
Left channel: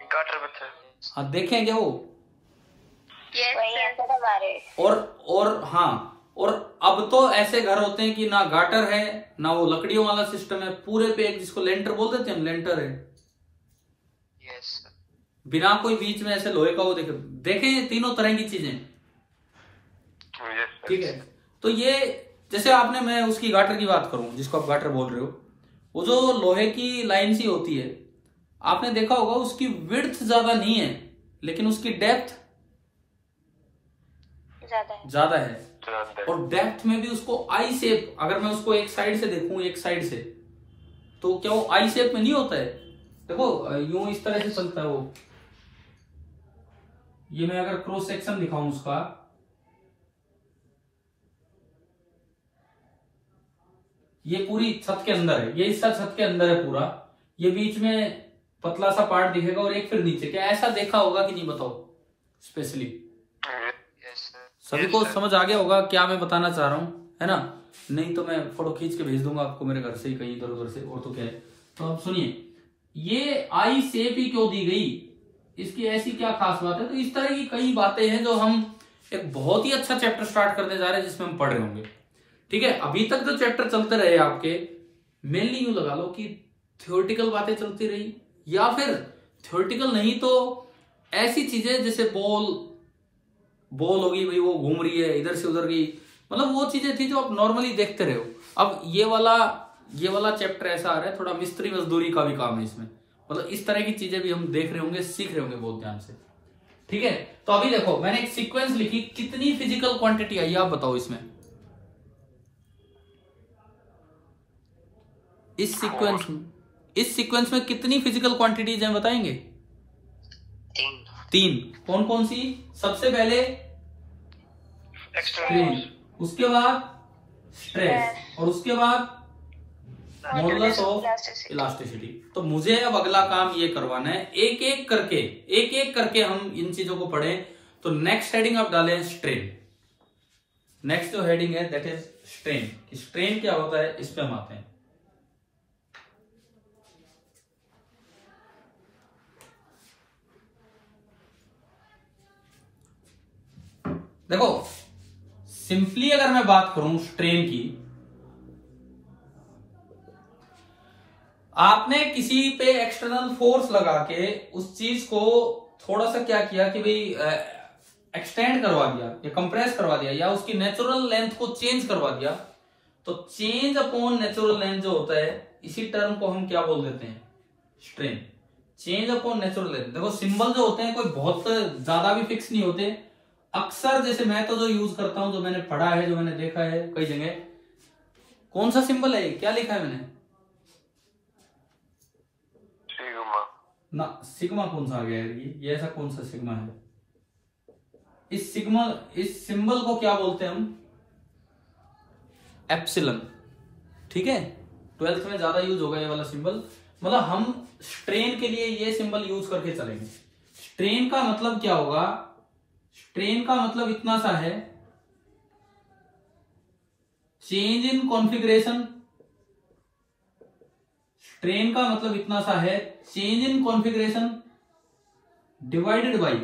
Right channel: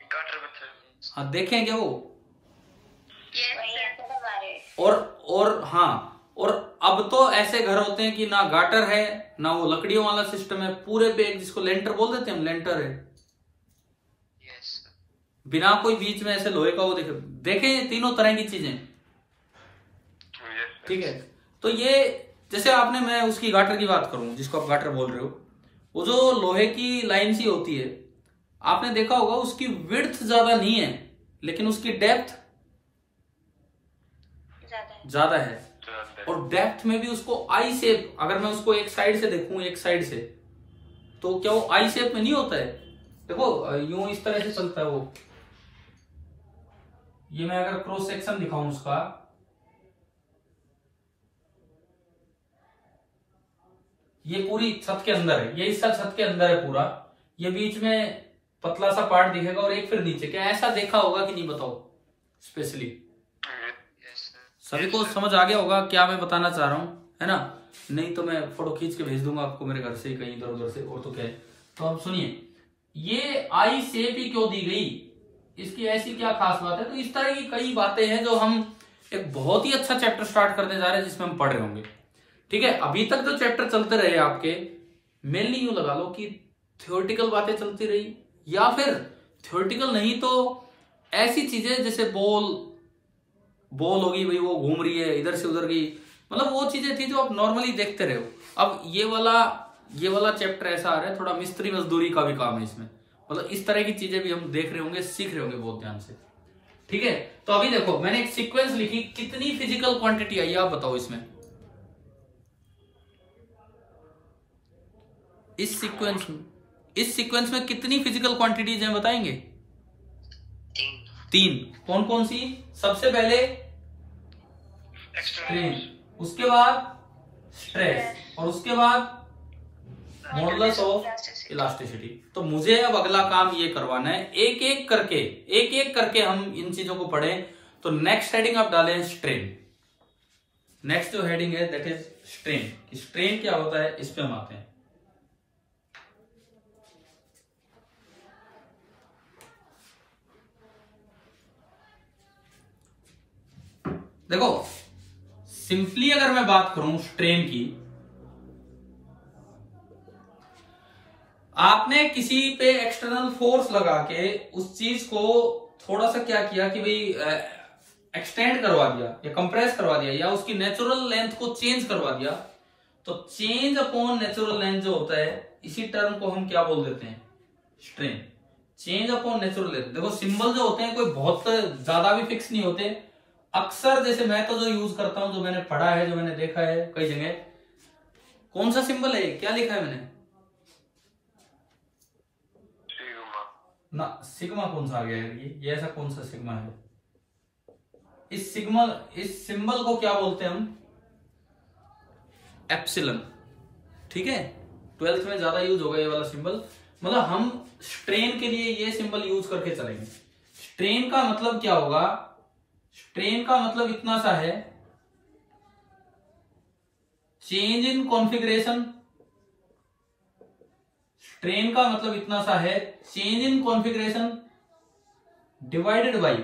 गाटर पत्थर। हाँ, देखें क्या वो? और अब तो ऐसे घर होते हैं कि ना गाटर है ना वो लकड़ियों वाला सिस्टम है, पूरे पे एक, जिसको लेंटर बोल देते हैं हम, लेंटर है। बिना कोई बीच में ऐसे लोहे का वो देखें तीनों तरह की चीजें। ठीक है। तो ये जैसे आपने, मैं उसकी गाटर की बात करूं जिसको आप गाटर बोल रहे हो, वो जो लोहे की लाइन सी होती है, आपने देखा होगा उसकी विड्थ ज्यादा नहीं है लेकिन उसकी डेप्थ ज्यादा है। और डेप्थ में भी उसको आई शेप, अगर मैं उसको एक साइड से देखूं, एक साइड से, तो क्या वो आई शेप में नहीं होता है? देखो यूं इस तरह से चलता है वो। ये मैं अगर क्रॉस सेक्शन दिखाऊं उसका, ये पूरी छत के अंदर है, ये हिस्सा छत के अंदर है पूरा, ये बीच में पतला सा पार्ट दिखेगा और एक फिर नीचे। क्या ऐसा देखा होगा कि नहीं, बताओ स्पेशली? सभी को समझ आ गया होगा क्या मैं बताना चाह रहा हूं, है ना? नहीं तो मैं फोटो खींच के भेज दूंगा आपको मेरे घर से ही, कहीं इधर उधर से, और तो क्या है। तो अब सुनिए, ये आई शेप ही क्यों दी गई, इसकी ऐसी क्या खास बात है? तो इस तरह की कई बातें हैं जो हम एक बहुत ही अच्छा चैप्टर स्टार्ट करने जा रहे हैं जिसमें हम पढ़ रहे होंगे। ठीक है। अभी तक जो चैप्टर चलते रहे आपके, मेनली यूं लगा लो कि थ्योरेटिकल बातें चलती रही, या फिर थ्योरेटिकल नहीं तो ऐसी चीजें जैसे बॉल होगी भाई, वो घूम रही है इधर से उधर गई, मतलब वो चीजें थी जो आप नॉर्मली देखते रहे हो। अब ये वाला चैप्टर ऐसा आ रहा है, थोड़ा मिस्त्री मजदूरी का भी काम है इसमें, मतलब इस तरह की चीजें भी हम देख रहे होंगे, सीख रहे होंगे बहुत ध्यान से। ठीक है। तो अभी देखो, मैंने एक सीक्वेंस लिखी, कितनी फिजिकल क्वांटिटी आई आप बताओ इसमें? इस सीक्वेंस में कितनी फिजिकल क्वांटिटीज हैं बताएंगे? 3। कौन कौन सी? सबसे पहले स्ट्रेन, उसके बाद स्ट्रेस, और उसके बाद मॉडुलस ऑफ इलास्टिसिटी। तो मुझे अब अगला काम ये करवाना है, एक एक करके हम इन चीजों को पढ़ें। तो नेक्स्ट हेडिंग आप डालें स्ट्रेन। नेक्स्ट जो हेडिंग है दैट इज स्ट्रेन। स्ट्रेन क्या होता है इस पे हम आते हैं। देखो, सिंपली अगर मैं बात करूं स्ट्रेन की, आपने किसी पे एक्सटर्नल फोर्स लगा के उस चीज को थोड़ा सा क्या किया कि भाई एक्सटेंड करवा दिया या कंप्रेस करवा दिया या उसकी नेचुरल लेंथ को चेंज करवा दिया, तो चेंज अपॉन नेचुरल लेंथ जो होता है, इसी टर्म को हम क्या बोल देते हैं? Strain. Change upon natural length. देखो सिंबल जो होते हैं कोई बहुत ज्यादा भी फिक्स नहीं होते। अक्सर जैसे मैं तो जो यूज करता हूं, जो मैंने पढ़ा है, जो मैंने देखा है कई जगह, कौन सा सिंबल है, क्या लिखा है मैंने ना, सिग्मा कौन सा आ गया है ये ऐसा कौन सा सिग्मा है? इस सिंबल को क्या बोलते हैं हम? एप्सिलन। ठीक है, 12th में ज्यादा यूज होगा ये वाला सिंबल। मतलब हम स्ट्रेन के लिए ये सिंबल यूज करके चलेंगे। स्ट्रेन का मतलब क्या होगा? स्ट्रेन का मतलब इतना सा है, चेंज इन कॉन्फ़िगरेशन। स्ट्रेन का मतलब इतना सा है, change in configuration divided by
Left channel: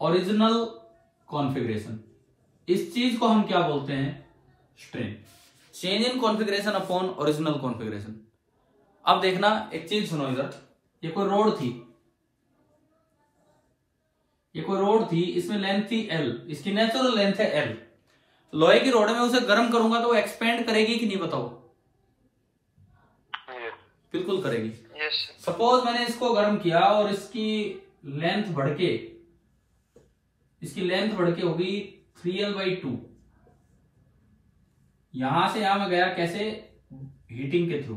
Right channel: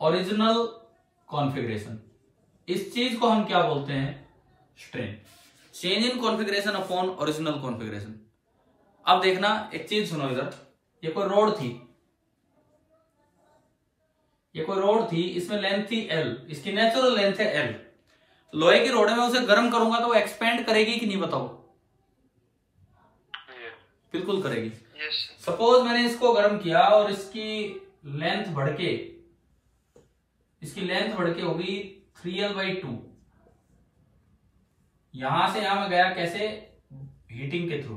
original configuration. इस चीज को हम क्या बोलते हैं? Strain. Change in configuration upon original configuration. अब देखना, एक चीज सुनो इधर, ये कोई रोड थी, इसमें लेंथ थी L, इसकी नेचुरल लेंथ है L। लोहे की रोड में उसे गर्म करूंगा तो वो एक्सपेंड करेगी कि नहीं, बताओ? बिल्कुल करेगी। सपोज मैंने इसको गर्म किया और इसकी लेंथ बढ़ के होगी 3L/2। यहां से यहां में गया कैसे? हीटिंग के थ्रू।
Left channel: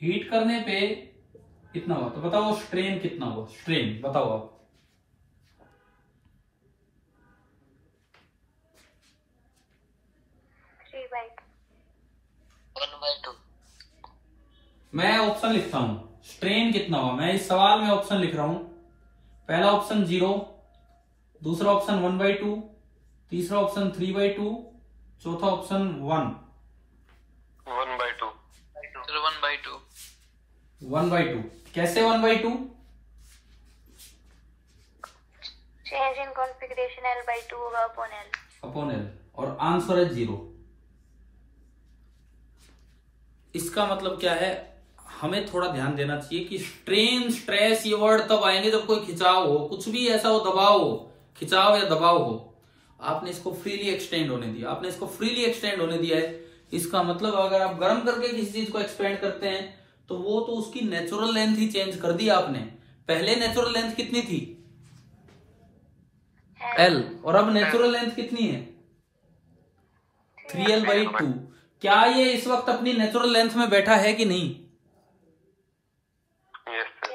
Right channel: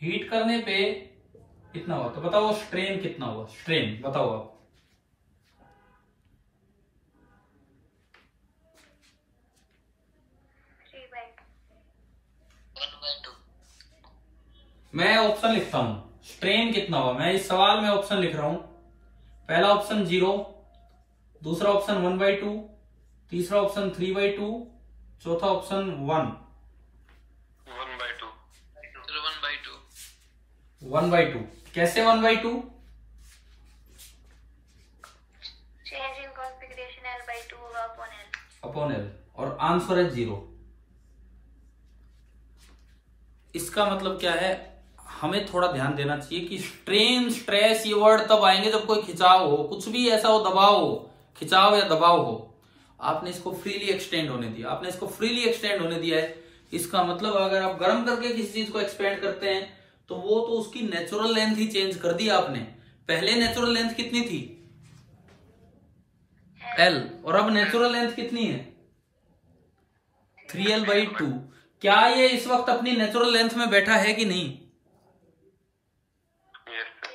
हीट करने पे कितना हुआ, तो बताओ स्ट्रेन कितना हुआ? स्ट्रेन बताओ आप। मैं ऑप्शन लिखता हूं, स्ट्रेन कितना हुआ। मैं इस सवाल में ऑप्शन लिख रहा हूं। पहला ऑप्शन 0, दूसरा ऑप्शन 1/2, तीसरा ऑप्शन 3/2, चौथा ऑप्शन 1। 1/2 कैसे 1/2? चेंज इन कॉन्फ़िगरेशन L/2 होगा अपॉन L। और आंसर है 0। इसका मतलब क्या है? हमें थोड़ा ध्यान देना चाहिए कि स्ट्रेन, स्ट्रेस ये वर्ड तब आएंगे जब कोई खिंचाव हो, कुछ भी ऐसा हो, दबाव हो, खिंचाव या दबाव हो। आपने इसको फ्रीली एक्सटेंड होने दिया है। इसका मतलब अगर आप गर्म करके किसी चीज को एक्सपेंड करते हैं तो वो तो उसकी नेचुरल लेंथ ही चेंज कर दी आपने। पहले नेचुरल लेंथ कितनी थी? L, और अब नेचुरल लेंथ कितनी है? 3L/2। क्या ये इस वक्त अपनी नेचुरल लेंथ में बैठा है कि नहीं?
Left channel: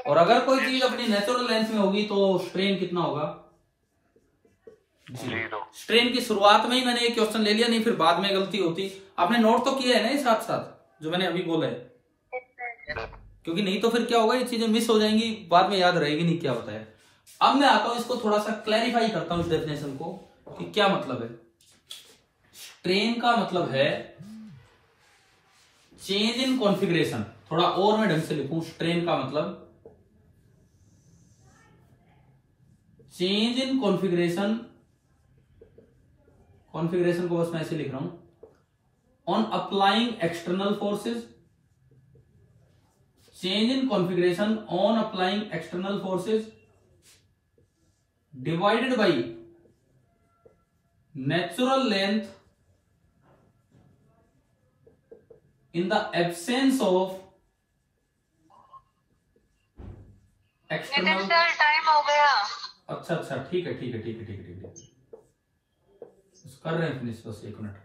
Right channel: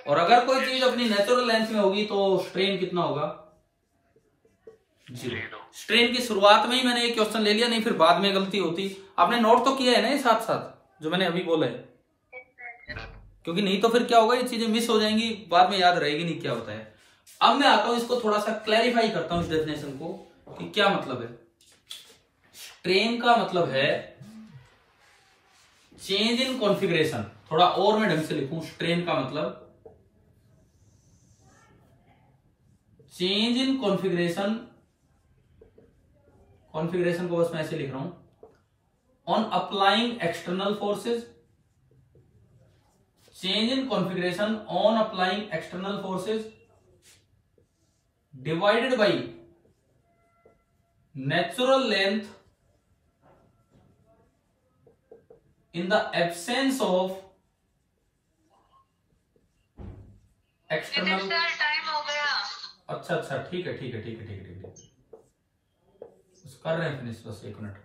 और अगर कोई चीज अपनी नेचुरल लेंथ में होगी तो स्ट्रेन कितना होगा? 0। स्ट्रेन की शुरुआत में ही मैंने ये क्वेश्चन ले लिया, नहीं फिर बाद में गलती होती। आपने नोट तो किया है ना ये साथ साथ जो मैंने अभी बोला है? क्योंकि नहीं तो फिर क्या होगा, ये चीजें मिस हो जाएंगी, बाद में याद रहेगी नहीं क्या बताया। अब मैं आता हूं, इसको थोड़ा सा क्लैरिफाई करता हूं इस डेफिनेशन को कि क्या मतलब है। स्ट्रेन का मतलब है चेंज इन कॉन्फ़िगरेशन। थोड़ा और मैं ढंग से लिखूं, स्ट्रेन का मतलब चेंज इन कॉन्फ़िगरेशन को बस मैं ऐसे लिख रहा हूं, on applying external forces. Change in configuration on applying external forces divided by natural length in the absence of external। Time हो गया। अच्छा ठीक है कर रहे हैं फिनिश, बस 1 मिनट।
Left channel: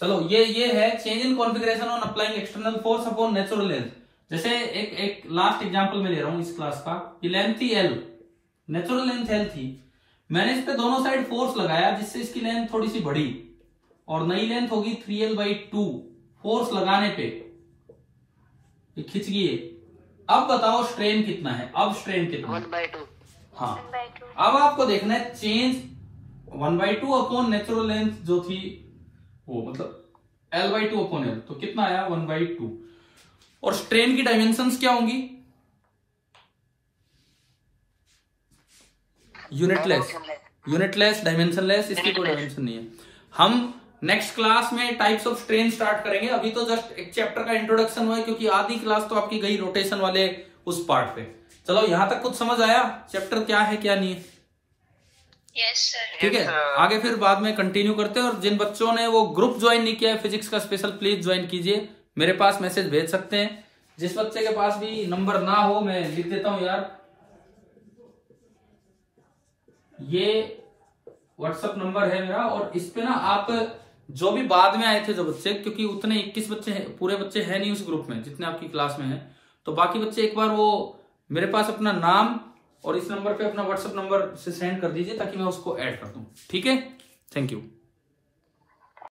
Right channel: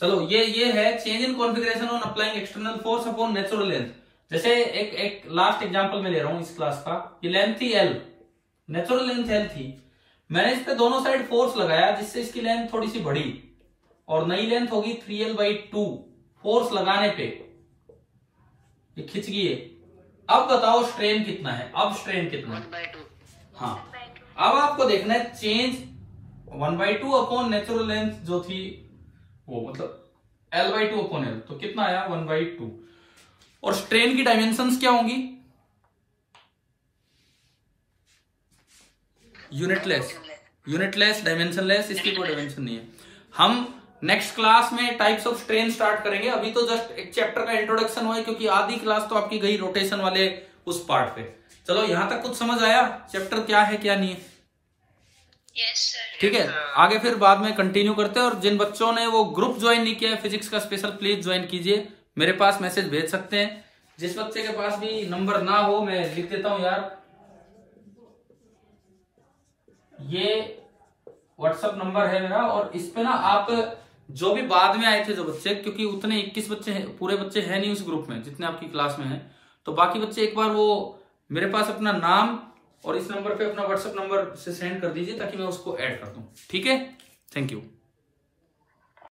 चलो ये है change in configuration on applying external force upon natural length. जैसे एक लास्ट एग्जांपल में ले रहा हूं इस क्लास का। ये लेंथ थी L, नेचुरल लेंथ L थी। मैंने इस पे दोनों साइड फोर्स लगाया जिससे इसकी लेंथ थोड़ी सी बढ़ी और नई लेंथ होगी 3L/2। फोर्स लगाने पे ये खिंच गई है। अब बताओ स्ट्रेन कितना है? अब स्ट्रेन कितना है? 1/2। हाँ, अब आपको देखना है चेंज 1/2 अपॉन नेचुरल लेंथ जो थी वो, मतलब L/2 अपॉन L, तो कितना आया? 1/2। और स्ट्रेन की डायमेंशंस क्या होंगी? यूनिटलेस, डायमेंशनलेस, इसकी कोई डायमेंशन नहीं है। हम नेक्स्ट क्लास में टाइप्स ऑफ स्ट्रेन स्टार्ट करेंगे। अभी तो जस्ट एक चैप्टर का इंट्रोडक्शन हुआ है क्योंकि आधी क्लास तो आपकी गई रोटेशन वाले उस पार्ट पे। चलो यहां तक कुछ समझ आया चैप्टर क्या है क्या नहीं है? Yes sir. ठीक है, आगे फिर बाद में कंटिन्यू करते हैं। और जिन बच्चों ने वो ग्रुप ज्वाइन नहीं किया है फिजिक्स का स्पेशल, प्लीज ज्वाइन कीजिए, मेरे पास मैसेज भेज सकते हैं। जिस बच्चे के पास भी नंबर ना हो, मैं लिख देता हूं यार, ये व्हाट्सएप नंबर है मेरा, और इस पे ना आप जो भी बाद में आए थे जो बच्चे, क्योंकि उतने 21 बच्चे हैं, पूरे बच्चे हैं नहीं उस ग्रुप में जितने आपकी क्लास में हैं, तो बाकी बच्चे एक बार वो मेरे पास अपना नाम और इस नंबर पे अपना व्हाट्सएप नंबर से सेंड कर दीजिए ताकि मैं उसको ऐड कर दूं। ठीक है, थैंक यू।